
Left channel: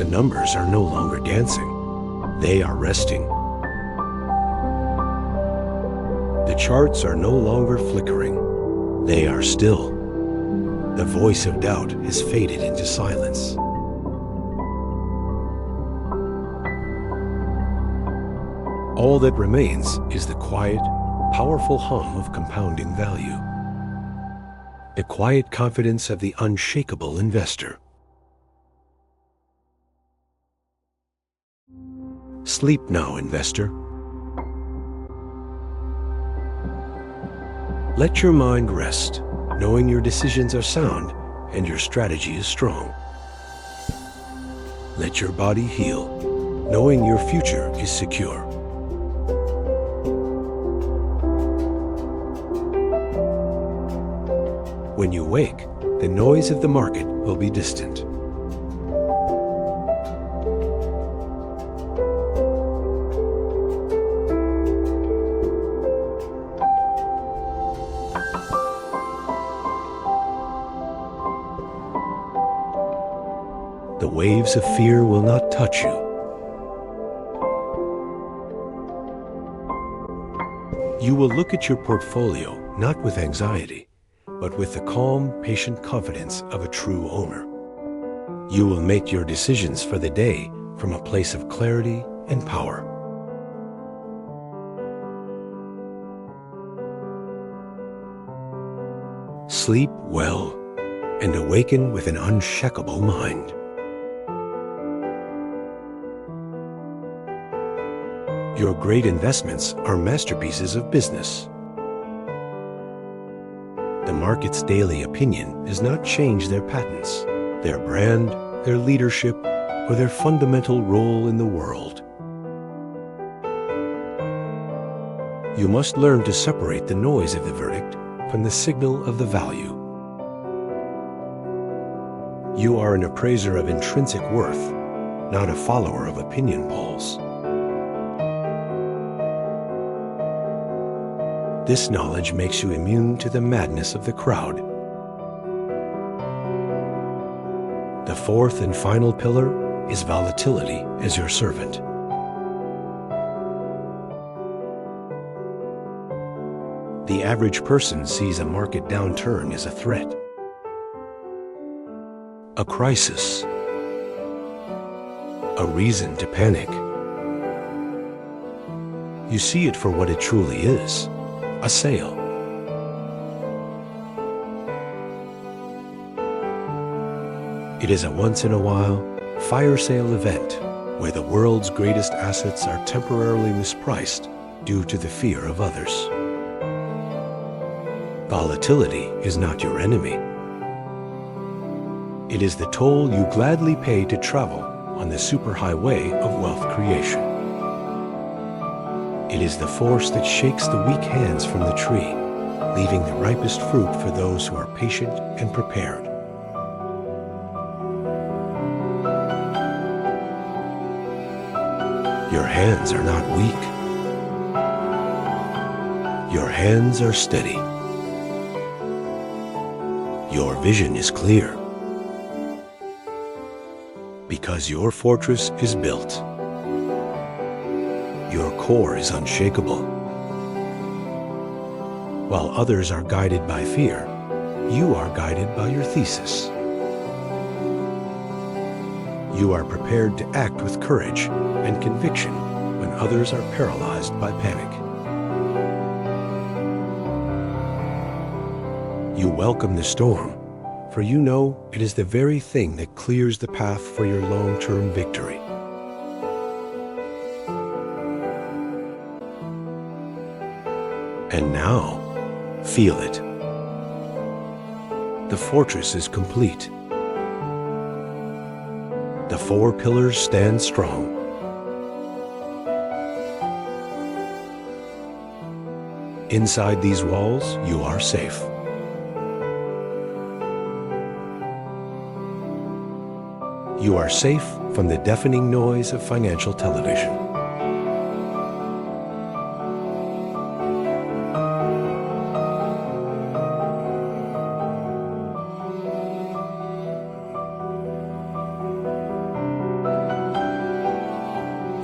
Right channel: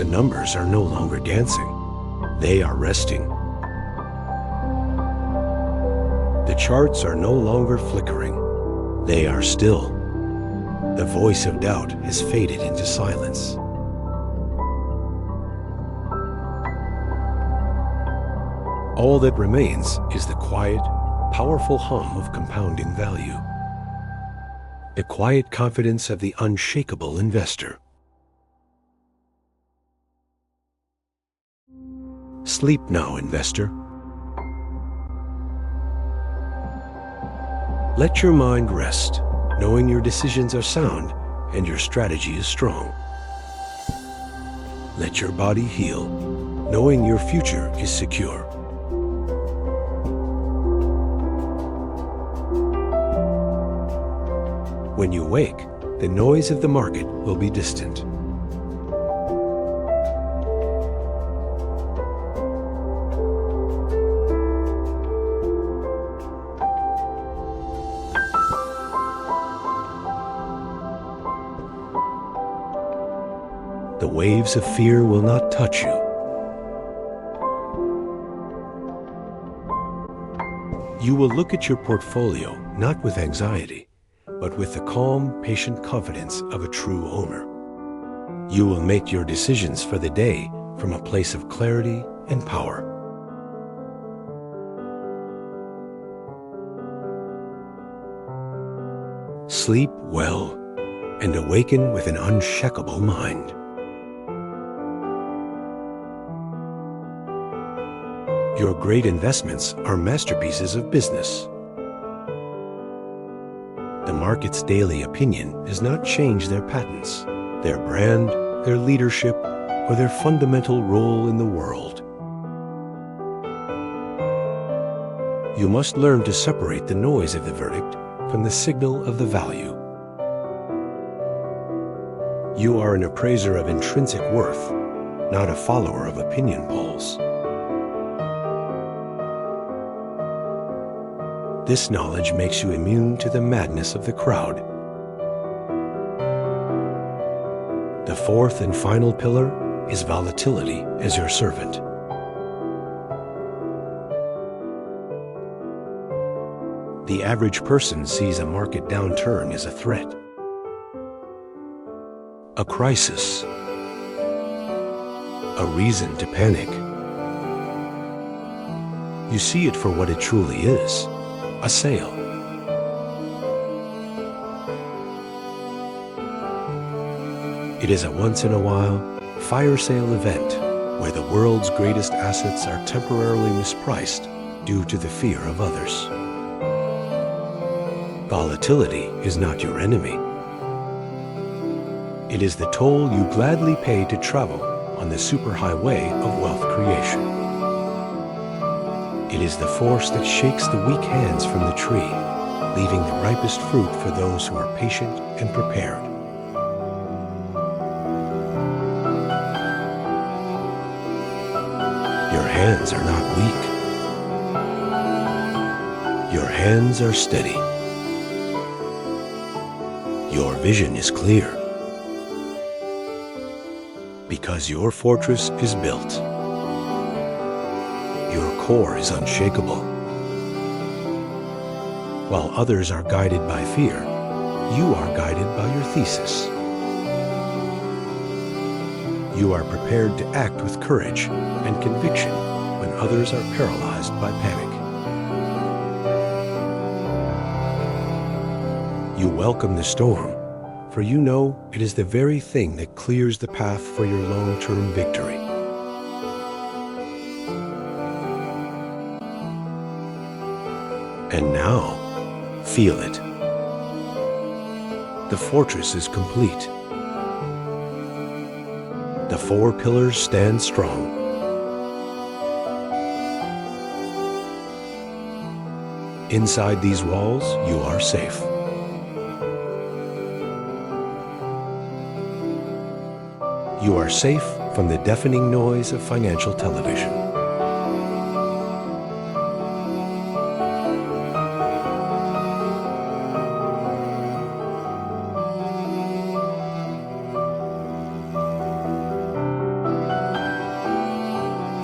numbers are no longer dancing. They are resting. The charts are no longer flickering. They are still. The voice of doubt has faded into silence. All that remains is the quiet, powerful hum of compounding value. The quiet confidence of the unshakable investor. Sleep now, investor. Let your mind rest, knowing your decisions are sound and your strategy is strong. Let your body heal, knowing your future is secure. When you wake, the noise of the market will be distant. The waves of fear will not touch you. You will look at your portfolio not with anxiety, but with the calm, patient confidence of a true owner. You will make your decisions for the day from a place of clarity and power. Sleep well and awaken with an unshakable mind. Your great investments are masterpieces of business. The market's daily opinion has not changed their patents, their brand, their leadership, or their fundamental role in the world. You must learn to separate the noise of the verdict from the signal of the value. You are an appraiser of intrinsic worth, not a follower of opinion polls. This knowledge makes you immune to the madness of the crowd. The fourth and final pillar is volatility as your servant. The average person sees a market downturn as a threat, a crisis, a reason to panic. You see it for what it truly is. A sale. It is a once-in-a-while fire sale event where the world's greatest assets are temporarily mispriced due to the fear of others. Volatility is not your enemy. It is the toll you gladly pay to travel on the superhighway of wealth creation. It is the force that shakes the weak hands from the tree, leaving the ripest fruit for those who are patient and prepared. Your hands are not weak. Your hands are steady. Your vision is clear. Because your fortress is built. Your core is unshakable. While others are guided by fear, you are guided by your thesis. You are prepared to act with courage and conviction when others are paralyzed by panic. You welcome the storm, for you know it is the very thing that clears the path for your long-term victory. And now, feel it. The fortress is complete. The four pillars stand strong. Inside these walls, you are safe. You are safe from the deafening noise of financial television.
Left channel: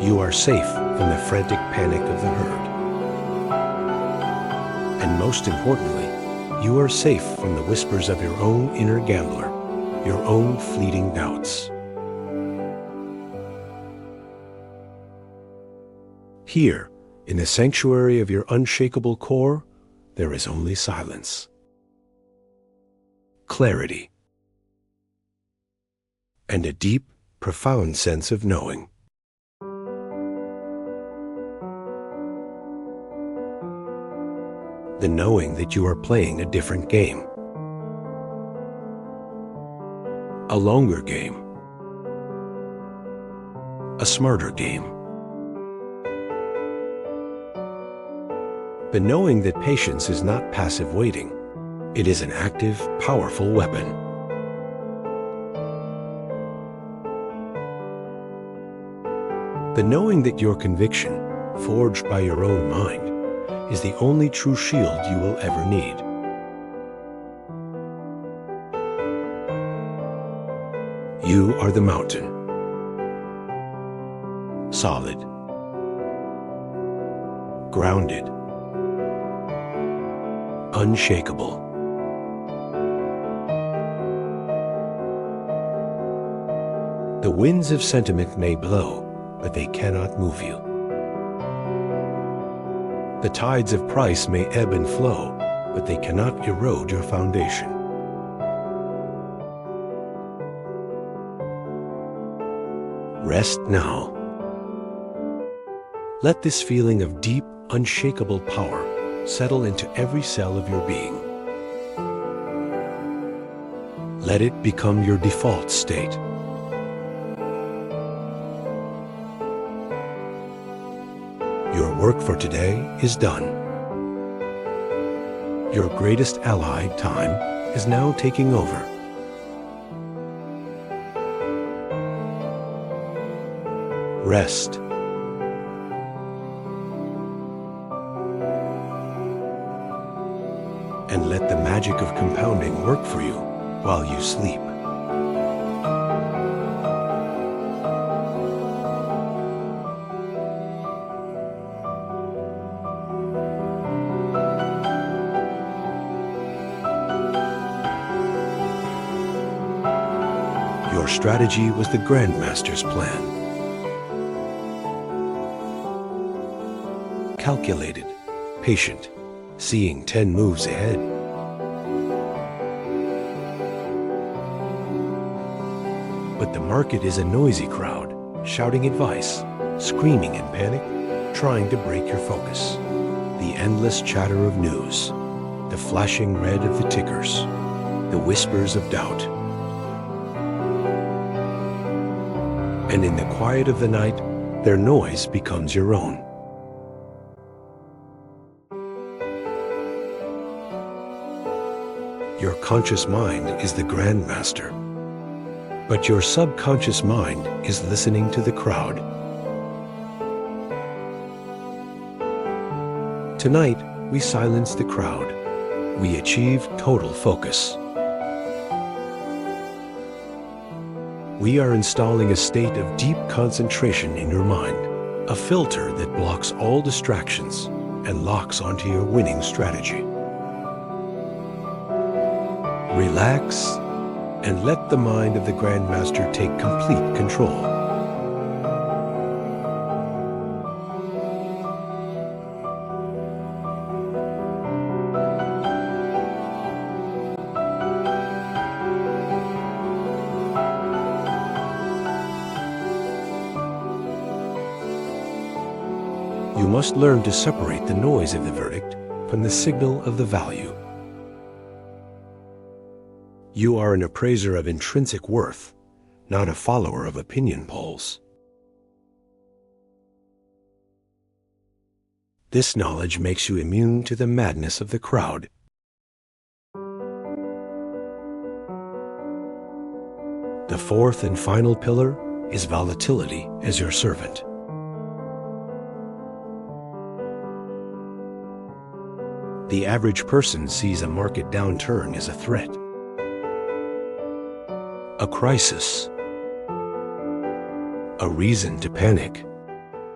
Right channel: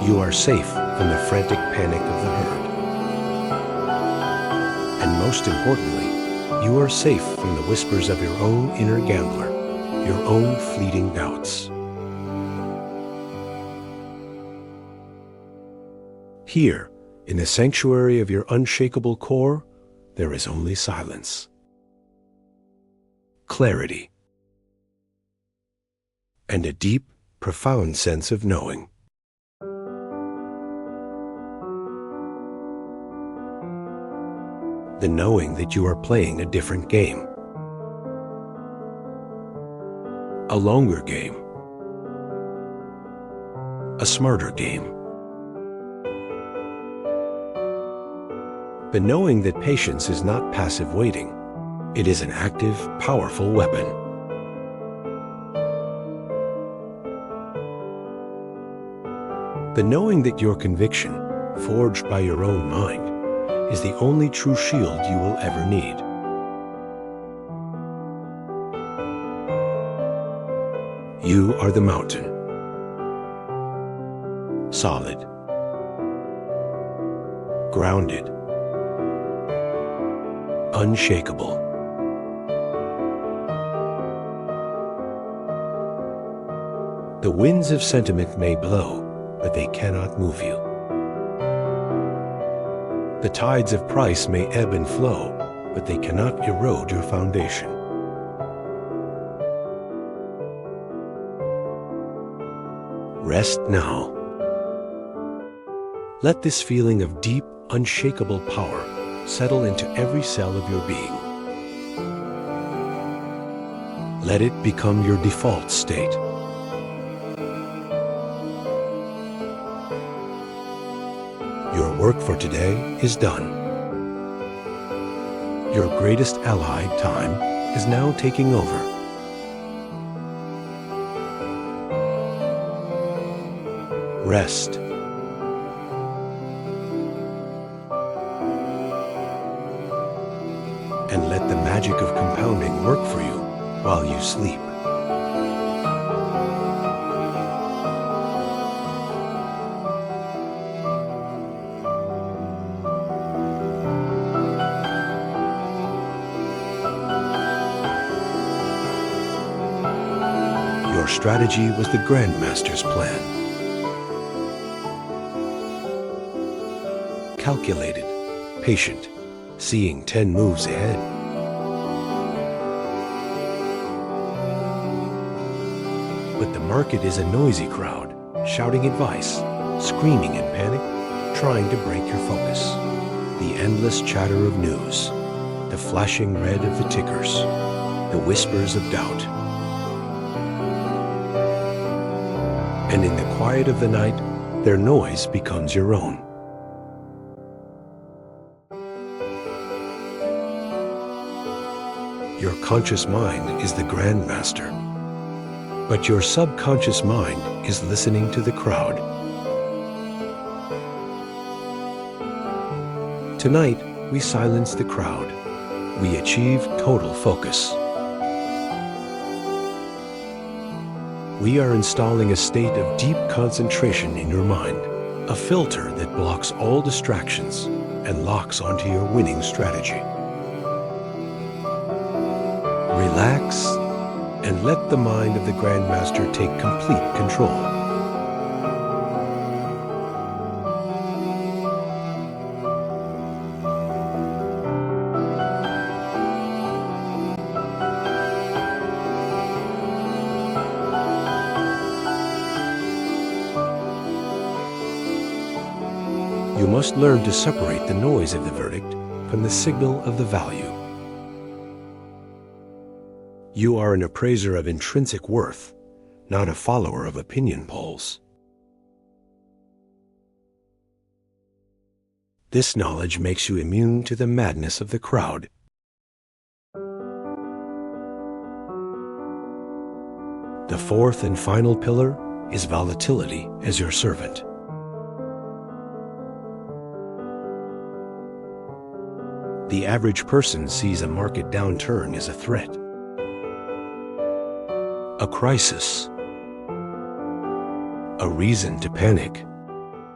You are safe from the frantic panic of the herd. And most importantly, you are safe from the whispers of your own inner gambler, your own fleeting doubts. Here, in the sanctuary of your unshakable core, there is only silence, clarity, and a deep, profound sense of knowing. The knowing that you are playing a different game. A longer game. A smarter game. The knowing that patience is not passive waiting. It is an active, powerful weapon. The knowing that your conviction, forged by your own mind, is the only true shield you will ever need. You are the mountain. Solid. Grounded. Unshakable. The winds of sentiment may blow, but they cannot move you. The tides of price may ebb and flow, but they cannot erode your foundation. Rest now. Let this feeling of deep, unshakable power settle into every cell of your being. Let it become your default state. Your work for today is done. Your greatest ally, time, is now taking over. Rest. And let the magic of compounding work for you while you sleep. Your strategy was the Grandmaster's plan. Calculated, patient, seeing 10 moves ahead. But the market is a noisy crowd, shouting advice, screaming in panic, trying to break your focus. The endless chatter of news, the flashing red of the tickers, the whispers of doubt. And in the quiet of the night, their noise becomes your own. Your conscious mind is the Grandmaster, but your subconscious mind is listening to the crowd. Tonight, we silence the crowd. We achieve total focus. We are installing a state of deep concentration in your mind, a filter that blocks all distractions and locks onto your winning strategy. Relax and let the mind of the Grandmaster take complete control. You must learn to separate the noise of the verdict from the signal of the value. You are an appraiser of intrinsic worth, not a follower of opinion polls. This knowledge makes you immune to the madness of the crowd. The fourth and final pillar is volatility as your servant. The average person sees a market downturn as a threat, a crisis, a reason to panic.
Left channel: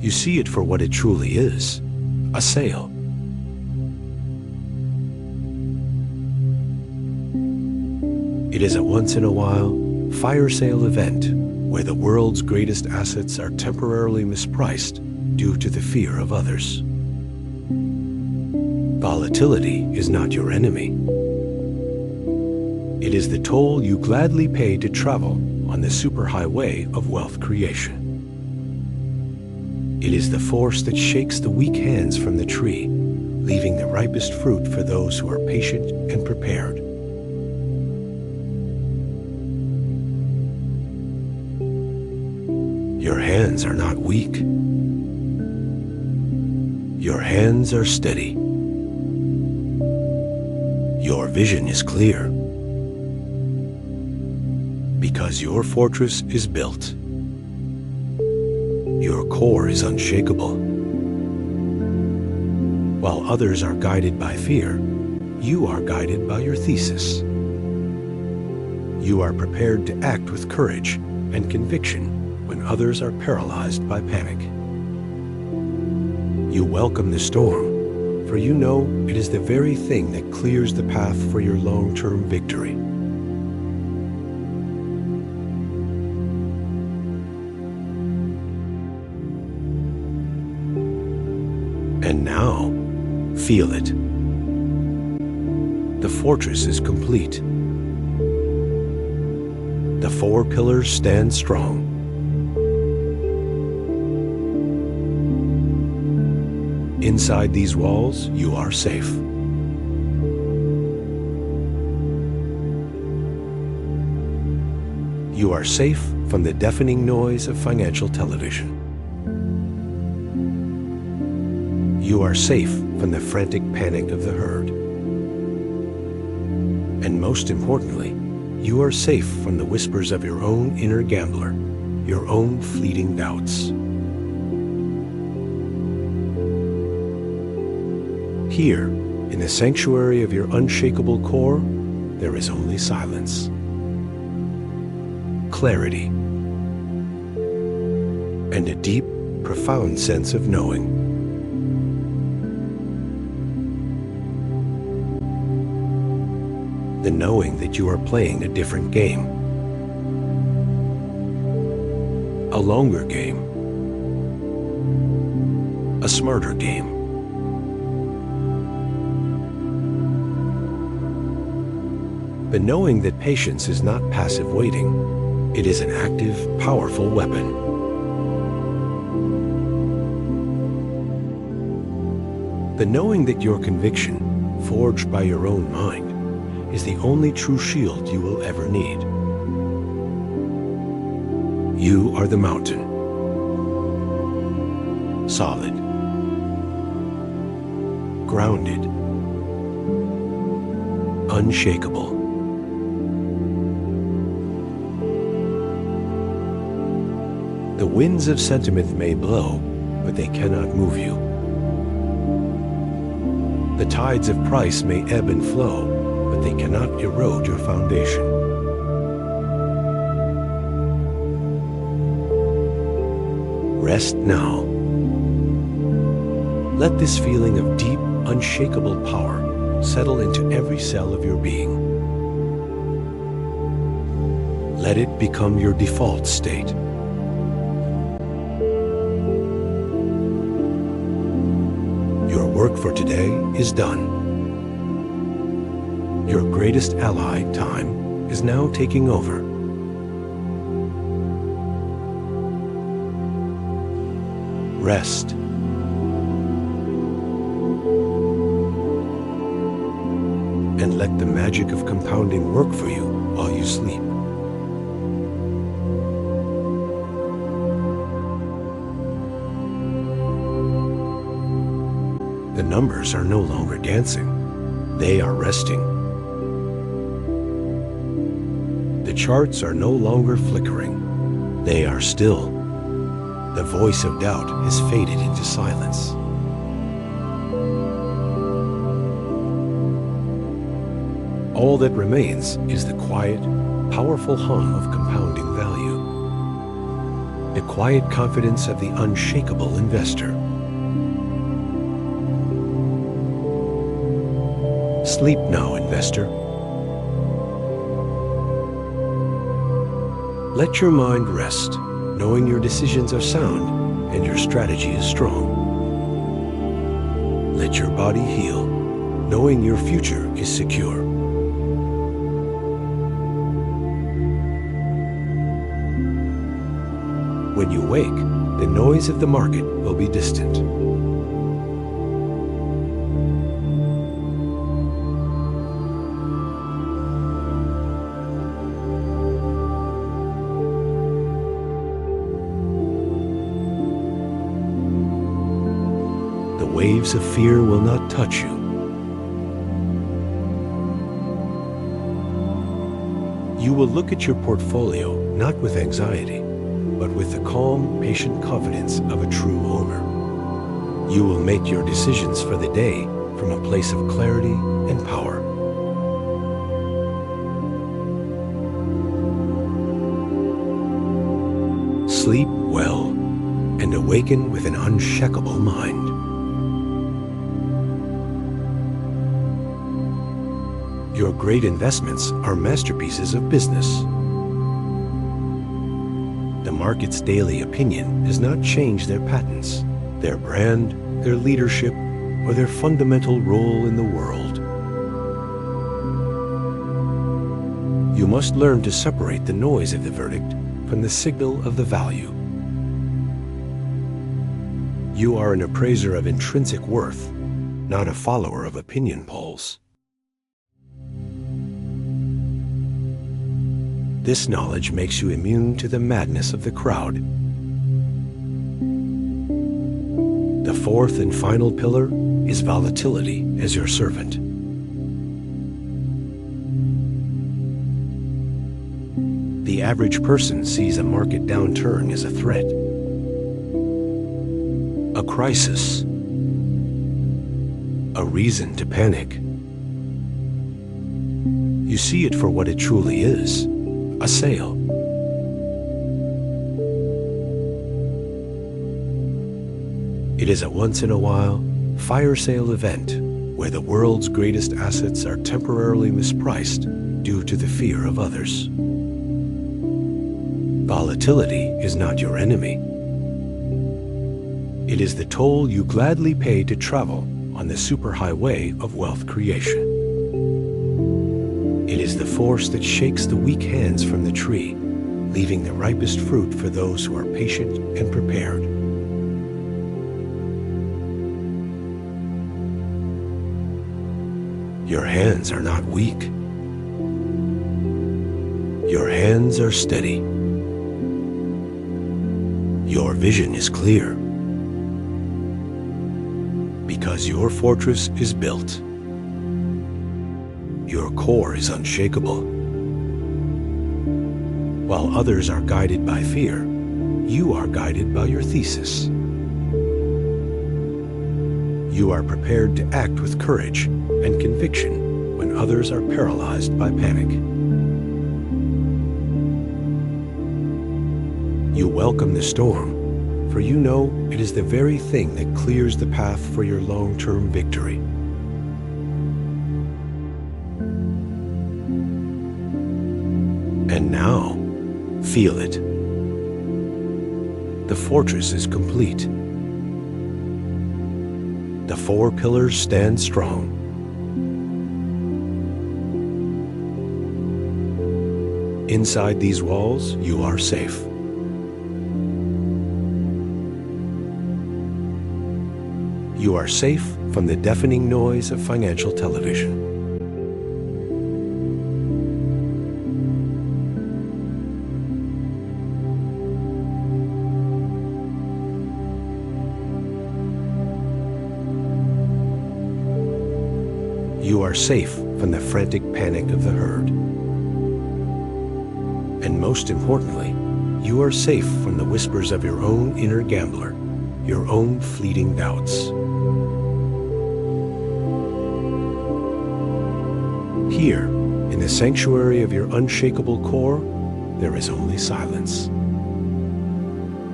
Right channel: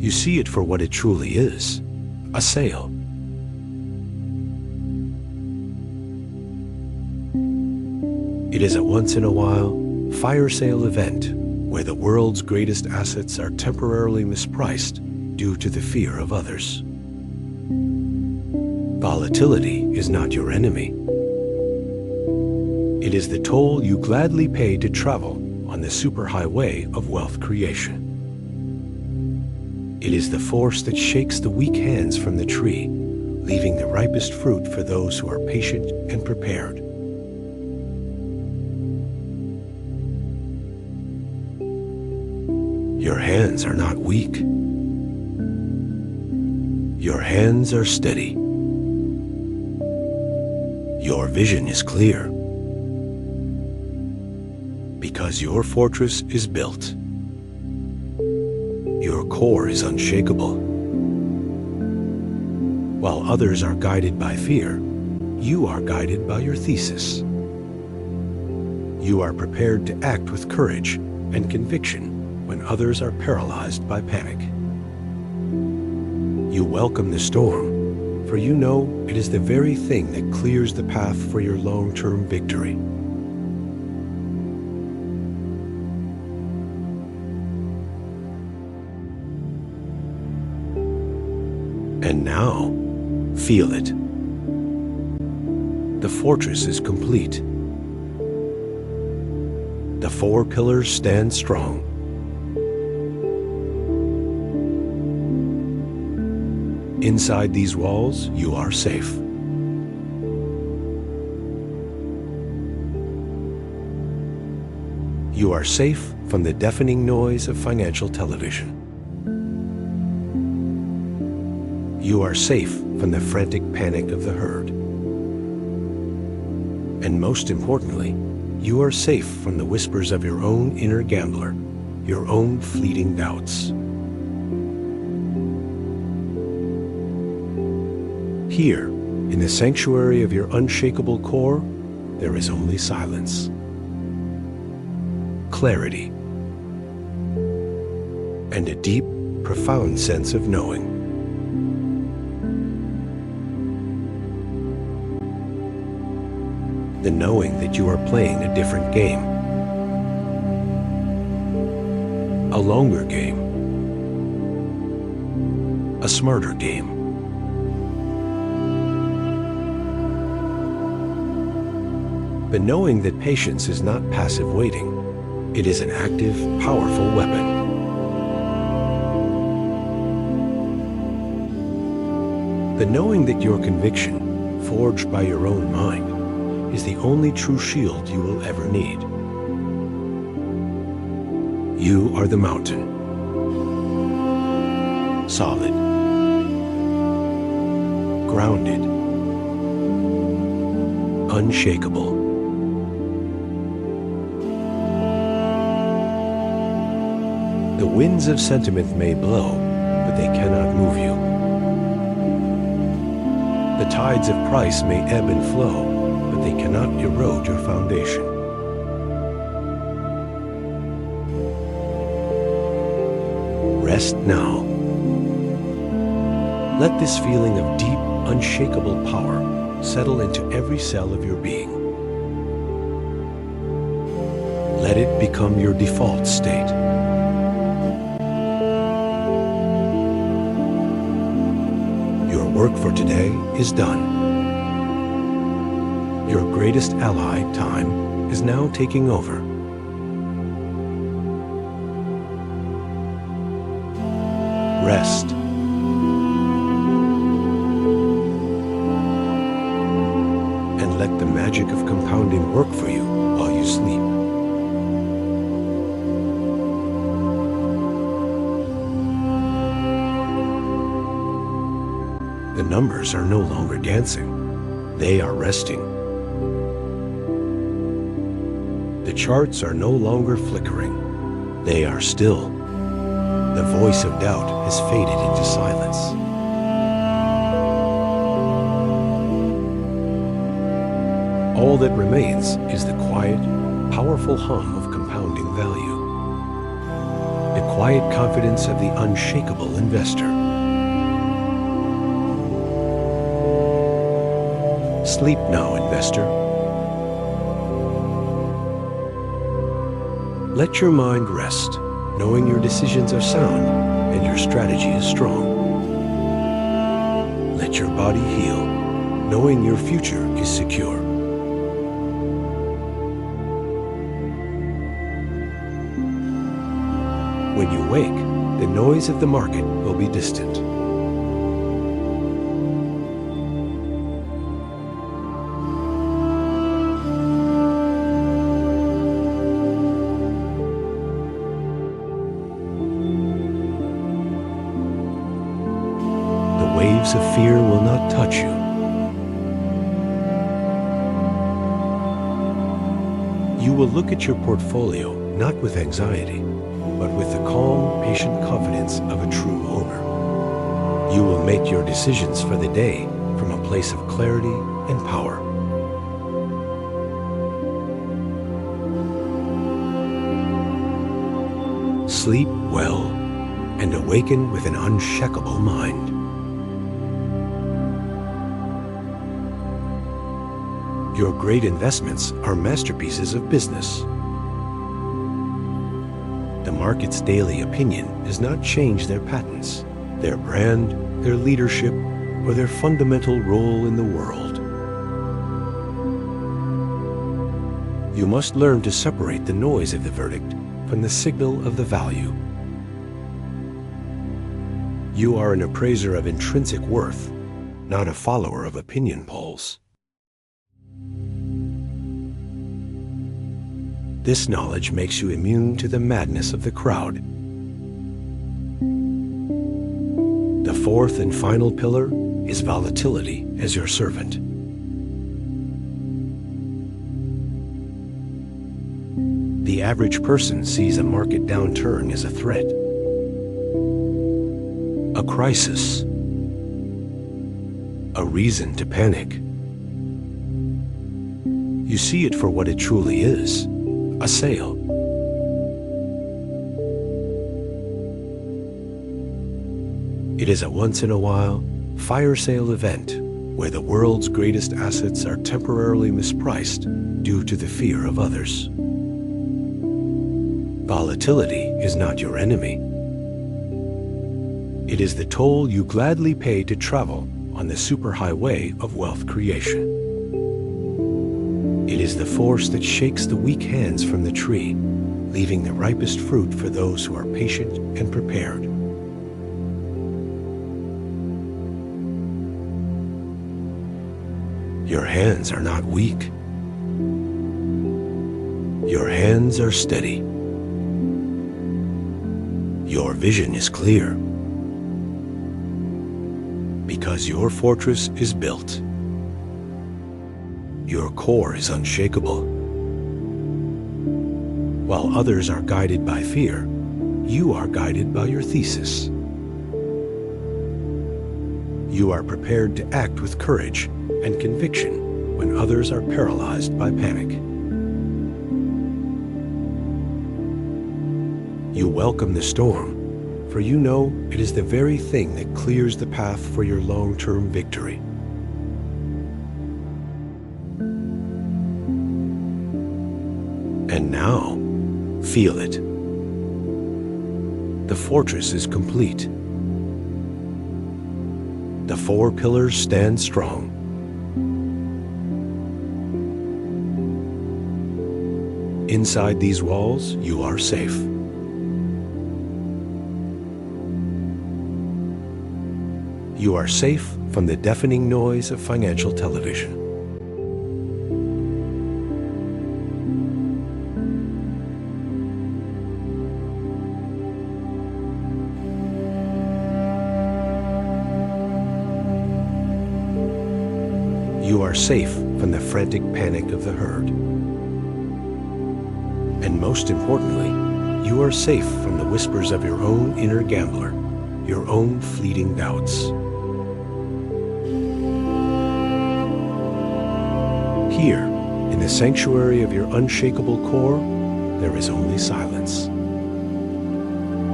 You see it for what it truly is, a sale. It is a once-in-a-while fire sale event where the world's greatest assets are temporarily mispriced due to the fear of others. Volatility is not your enemy. It is the toll you gladly pay to travel on the superhighway of wealth creation. It is the force that shakes the weak hands from the tree, leaving the ripest fruit for those who are patient and prepared. Your hands are not weak. Your hands are steady. Your vision is clear. Because your fortress is built. Your core is unshakable. While others are guided by fear, you are guided by your thesis. You are prepared to act with courage and conviction when others are paralyzed by panic. You welcome the storm, for you know it is the very thing that clears the path for your long-term victory. And now, feel it. The fortress is complete. The 4 pillars stand strong. Inside these walls, you are safe. You are safe from the deafening noise of financial television. You are safe from the frantic panic of the herd. And most importantly, you are safe from the whispers of your own inner gambler, your own fleeting doubts. Here, in the sanctuary of your unshakable core, there is only silence, clarity, and a deep, profound sense of knowing. The knowing that you are playing a different game, a longer game, a smarter game. The knowing that patience is not passive waiting, it is an active, powerful weapon. The knowing that your conviction, forged by your own mind, is the only true shield you will ever need. You are the mountain. Solid. Grounded. Unshakable. The winds of sentiment may blow, but they cannot move you. The tides of price may ebb and flow, but they cannot erode your foundation. Rest now. Let this feeling of deep, unshakable power settle into every cell of your being. Let it become your default state. Your work for today is done. Your greatest ally, time, is now taking over. Rest. And let the magic of compounding work for you while you sleep. The numbers are no longer dancing. They are resting. The charts are no longer flickering. They are still. The voice of doubt has faded into silence. All that remains is the quiet, powerful hum of compounding value. the quiet confidence of the unshakable investor. Sleep now, investor. Let your mind rest, knowing your decisions are sound and your strategy is strong. Let your body heal, knowing your future is secure. When you wake, the noise of the market will be distant. The waves of fear will not touch you. You will look at your portfolio not with anxiety, but with the calm, patient confidence of a true owner. You will make your decisions for the day from a place of clarity and power. Sleep well and awaken with an unshakable mind. Your great investments are masterpieces of business. The market's daily opinion does not change their patents, their brand, their leadership, or their fundamental role in the world. You must learn to separate the noise of the verdict from the signal of the value. You are an appraiser of intrinsic worth, not a follower of opinion polls. This knowledge makes you immune to the madness of the crowd. The fourth and final pillar is volatility as your servant. The average person sees a market downturn as a threat, a crisis, a reason to panic. You see it for what it truly is. A sale. It is a once-in-a-while fire sale event where the world's greatest assets are temporarily mispriced due to the fear of others. Volatility is not your enemy. It is the toll you gladly pay to travel on the superhighway of wealth creation. It is the force that shakes the weak hands from the tree, leaving the ripest fruit for those who are patient and prepared. Your hands are not weak. Your hands are steady. Your vision is clear. Because your fortress is built. Your core is unshakable. While others are guided by fear, you are guided by your thesis. You are prepared to act with courage and conviction when others are paralyzed by panic. You welcome the storm, for you know it is the very thing that clears the path for your long-term victory. And now, feel it. The fortress is complete. The four pillars stand strong. Inside these walls, you are safe. You are safe from the deafening noise of financial television. You are safe from the frantic panic of the herd. And most importantly, you are safe from the whispers of your own inner gambler, your own fleeting doubts. Here, in the sanctuary of your unshakable core, there is only silence.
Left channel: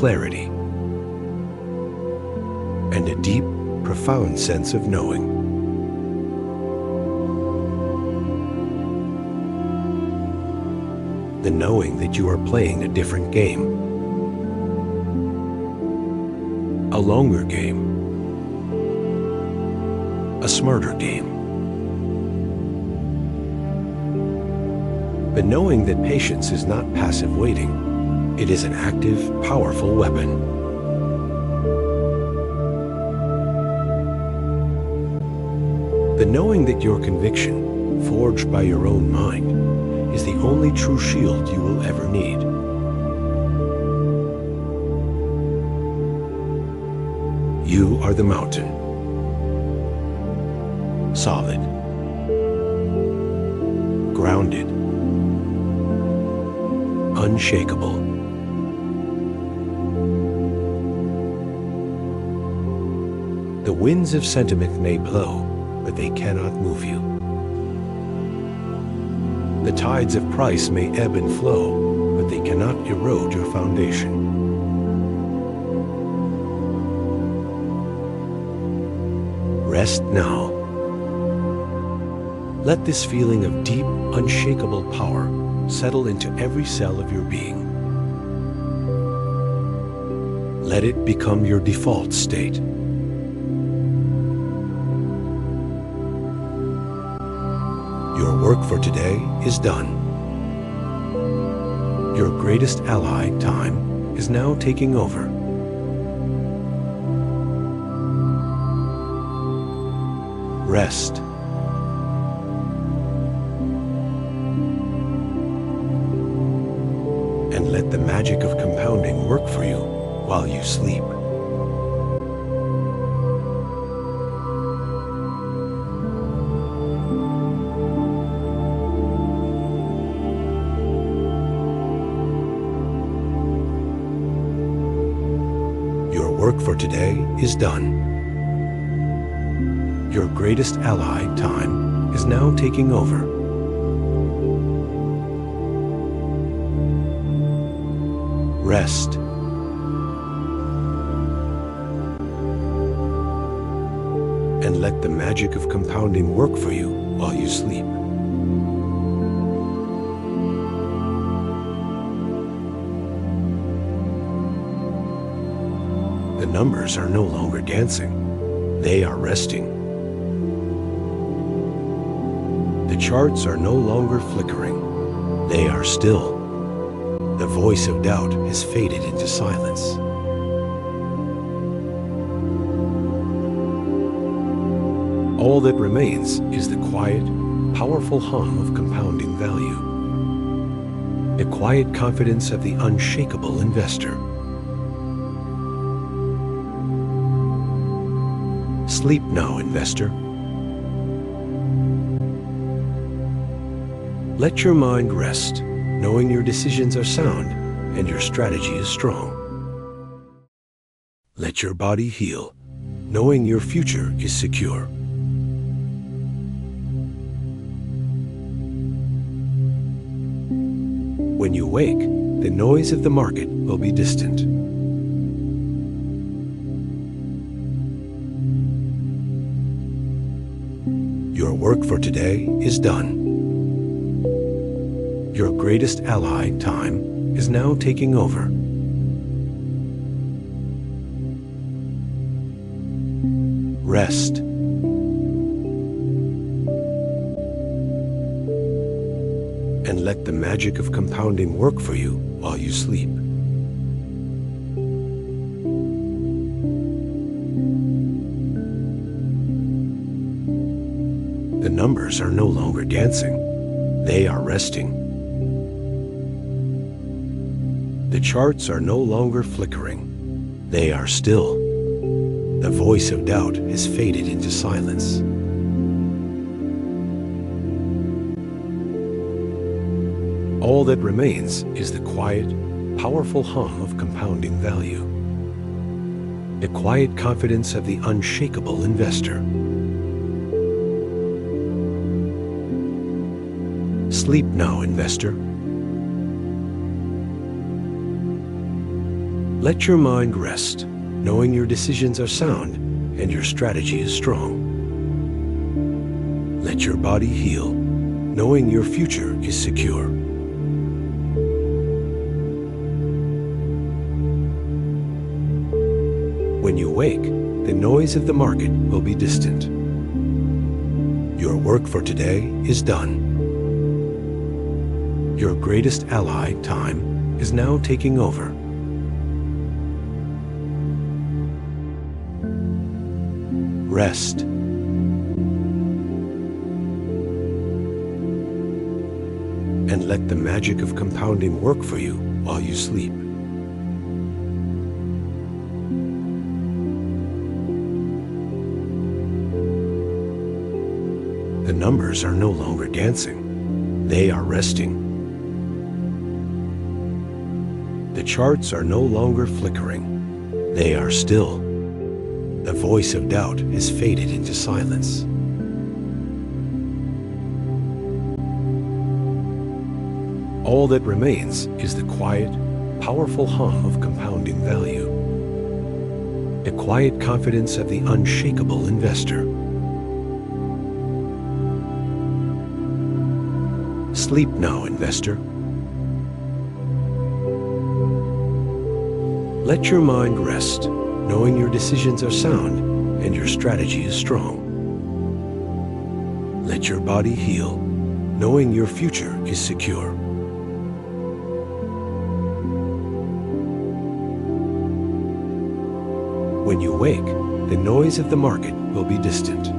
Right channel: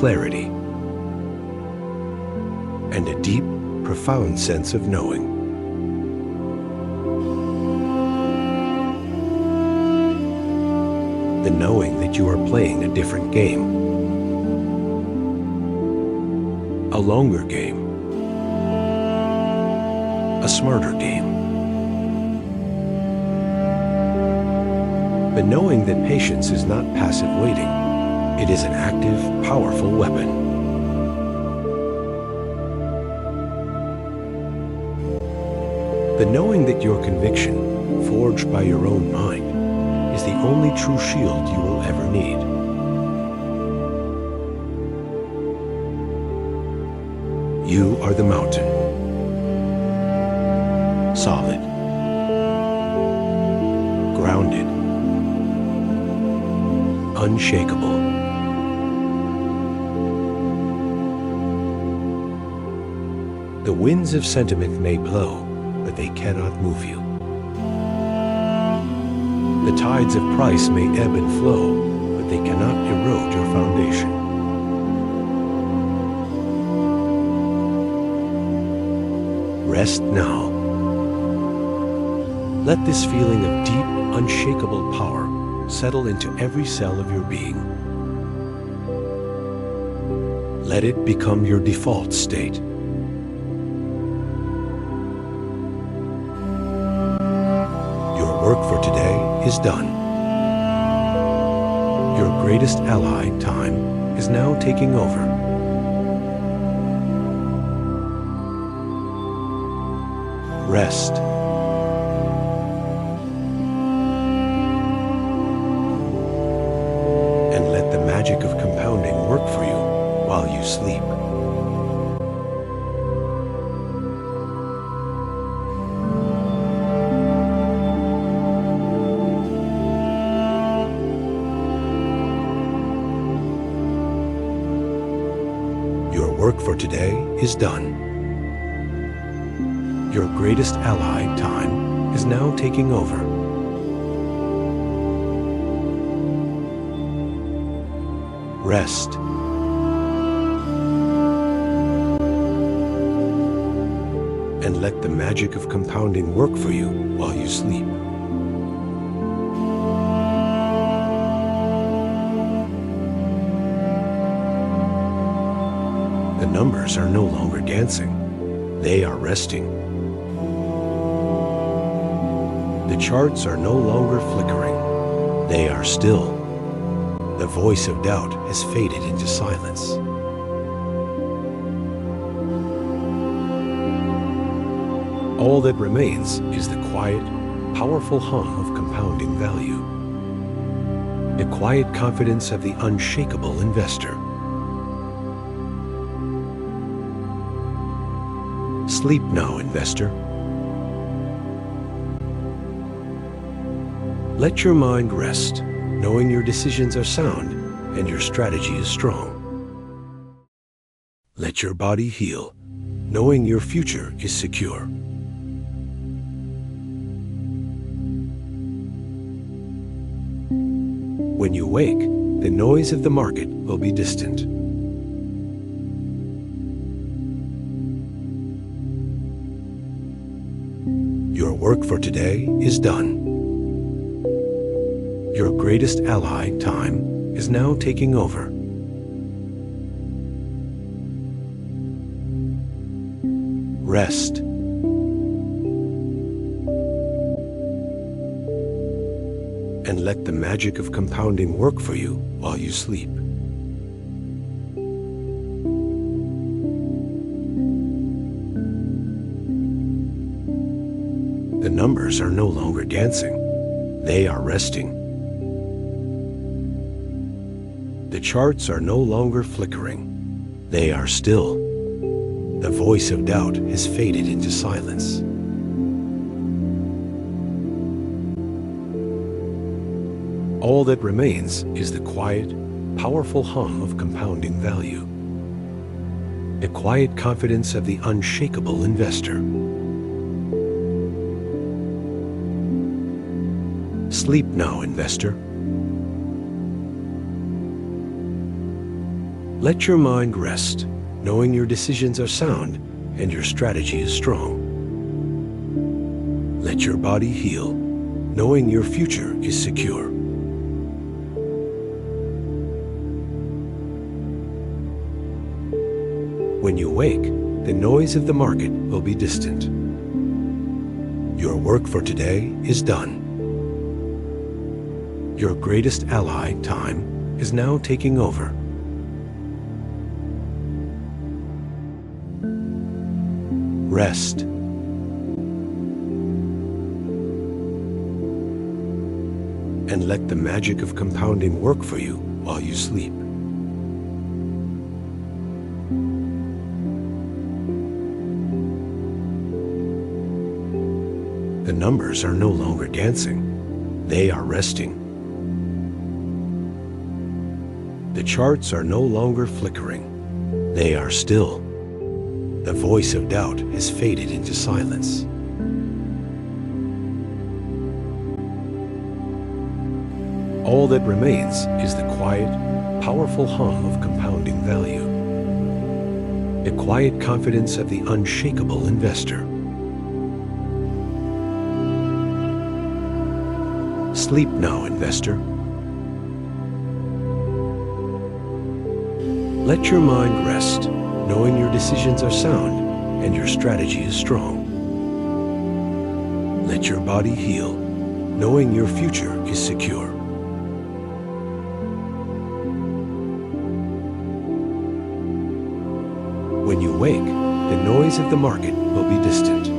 clarity, and a deep, profound sense of knowing. The knowing that you are playing a different game, a longer game, a smarter game. The knowing that patience is not passive waiting, it is an active, powerful weapon. The knowing that your conviction, forged by your own mind, is the only true shield you will ever need. You are the mountain, solid, grounded, unshakable. The winds of sentiment may blow, but they cannot move you. The tides of price may ebb and flow, but they cannot erode your foundation. Rest now. Let this feeling of deep, unshakable power settle into every cell of your being. Let it become your default state. Your work for today is done. Your greatest ally, time, is now taking over. Rest. And let the magic of compounding work for you while you sleep. Your work for today is done. Your greatest ally, time, is now taking over. Rest. And let the magic of compounding work for you while you sleep. The numbers are no longer dancing. They are resting. The charts are no longer flickering. They are still. The voice of doubt has faded into silence. All that remains is the quiet, powerful hum of compounding value. The quiet confidence of the unshakable investor. Sleep now, investor. Let your mind rest, knowing your decisions are sound and your strategy is strong. Let your body heal, knowing your future is secure. When you wake, the noise of the market will be distant. Your work for today is done. Your greatest ally, time, is now taking over. Rest. And let the magic of compounding work for you while you sleep. The numbers are no longer dancing. They are resting. The charts are no longer flickering. They are still. The voice of doubt has faded into silence. All that remains is the quiet, powerful hum of compounding value. The quiet confidence of the unshakable investor. Sleep now, investor. Let your mind rest, knowing your decisions are sound and your strategy is strong. Let your body heal, knowing your future is secure. When you wake, the noise of the market will be distant. Your work for today is done. Your greatest ally, time, is now taking over. Rest. And let the magic of compounding work for you while you sleep. The numbers are no longer dancing. They are resting. The charts are no longer flickering. They are still. The voice of doubt has faded into silence. All that remains is the quiet, powerful hum of compounding value. The quiet confidence of the unshakable investor. Sleep now, investor. Let your mind rest, knowing your decisions are sound and your strategy is strong. Let your body heal, knowing your future is secure. When you wake, the noise of the market will be distant.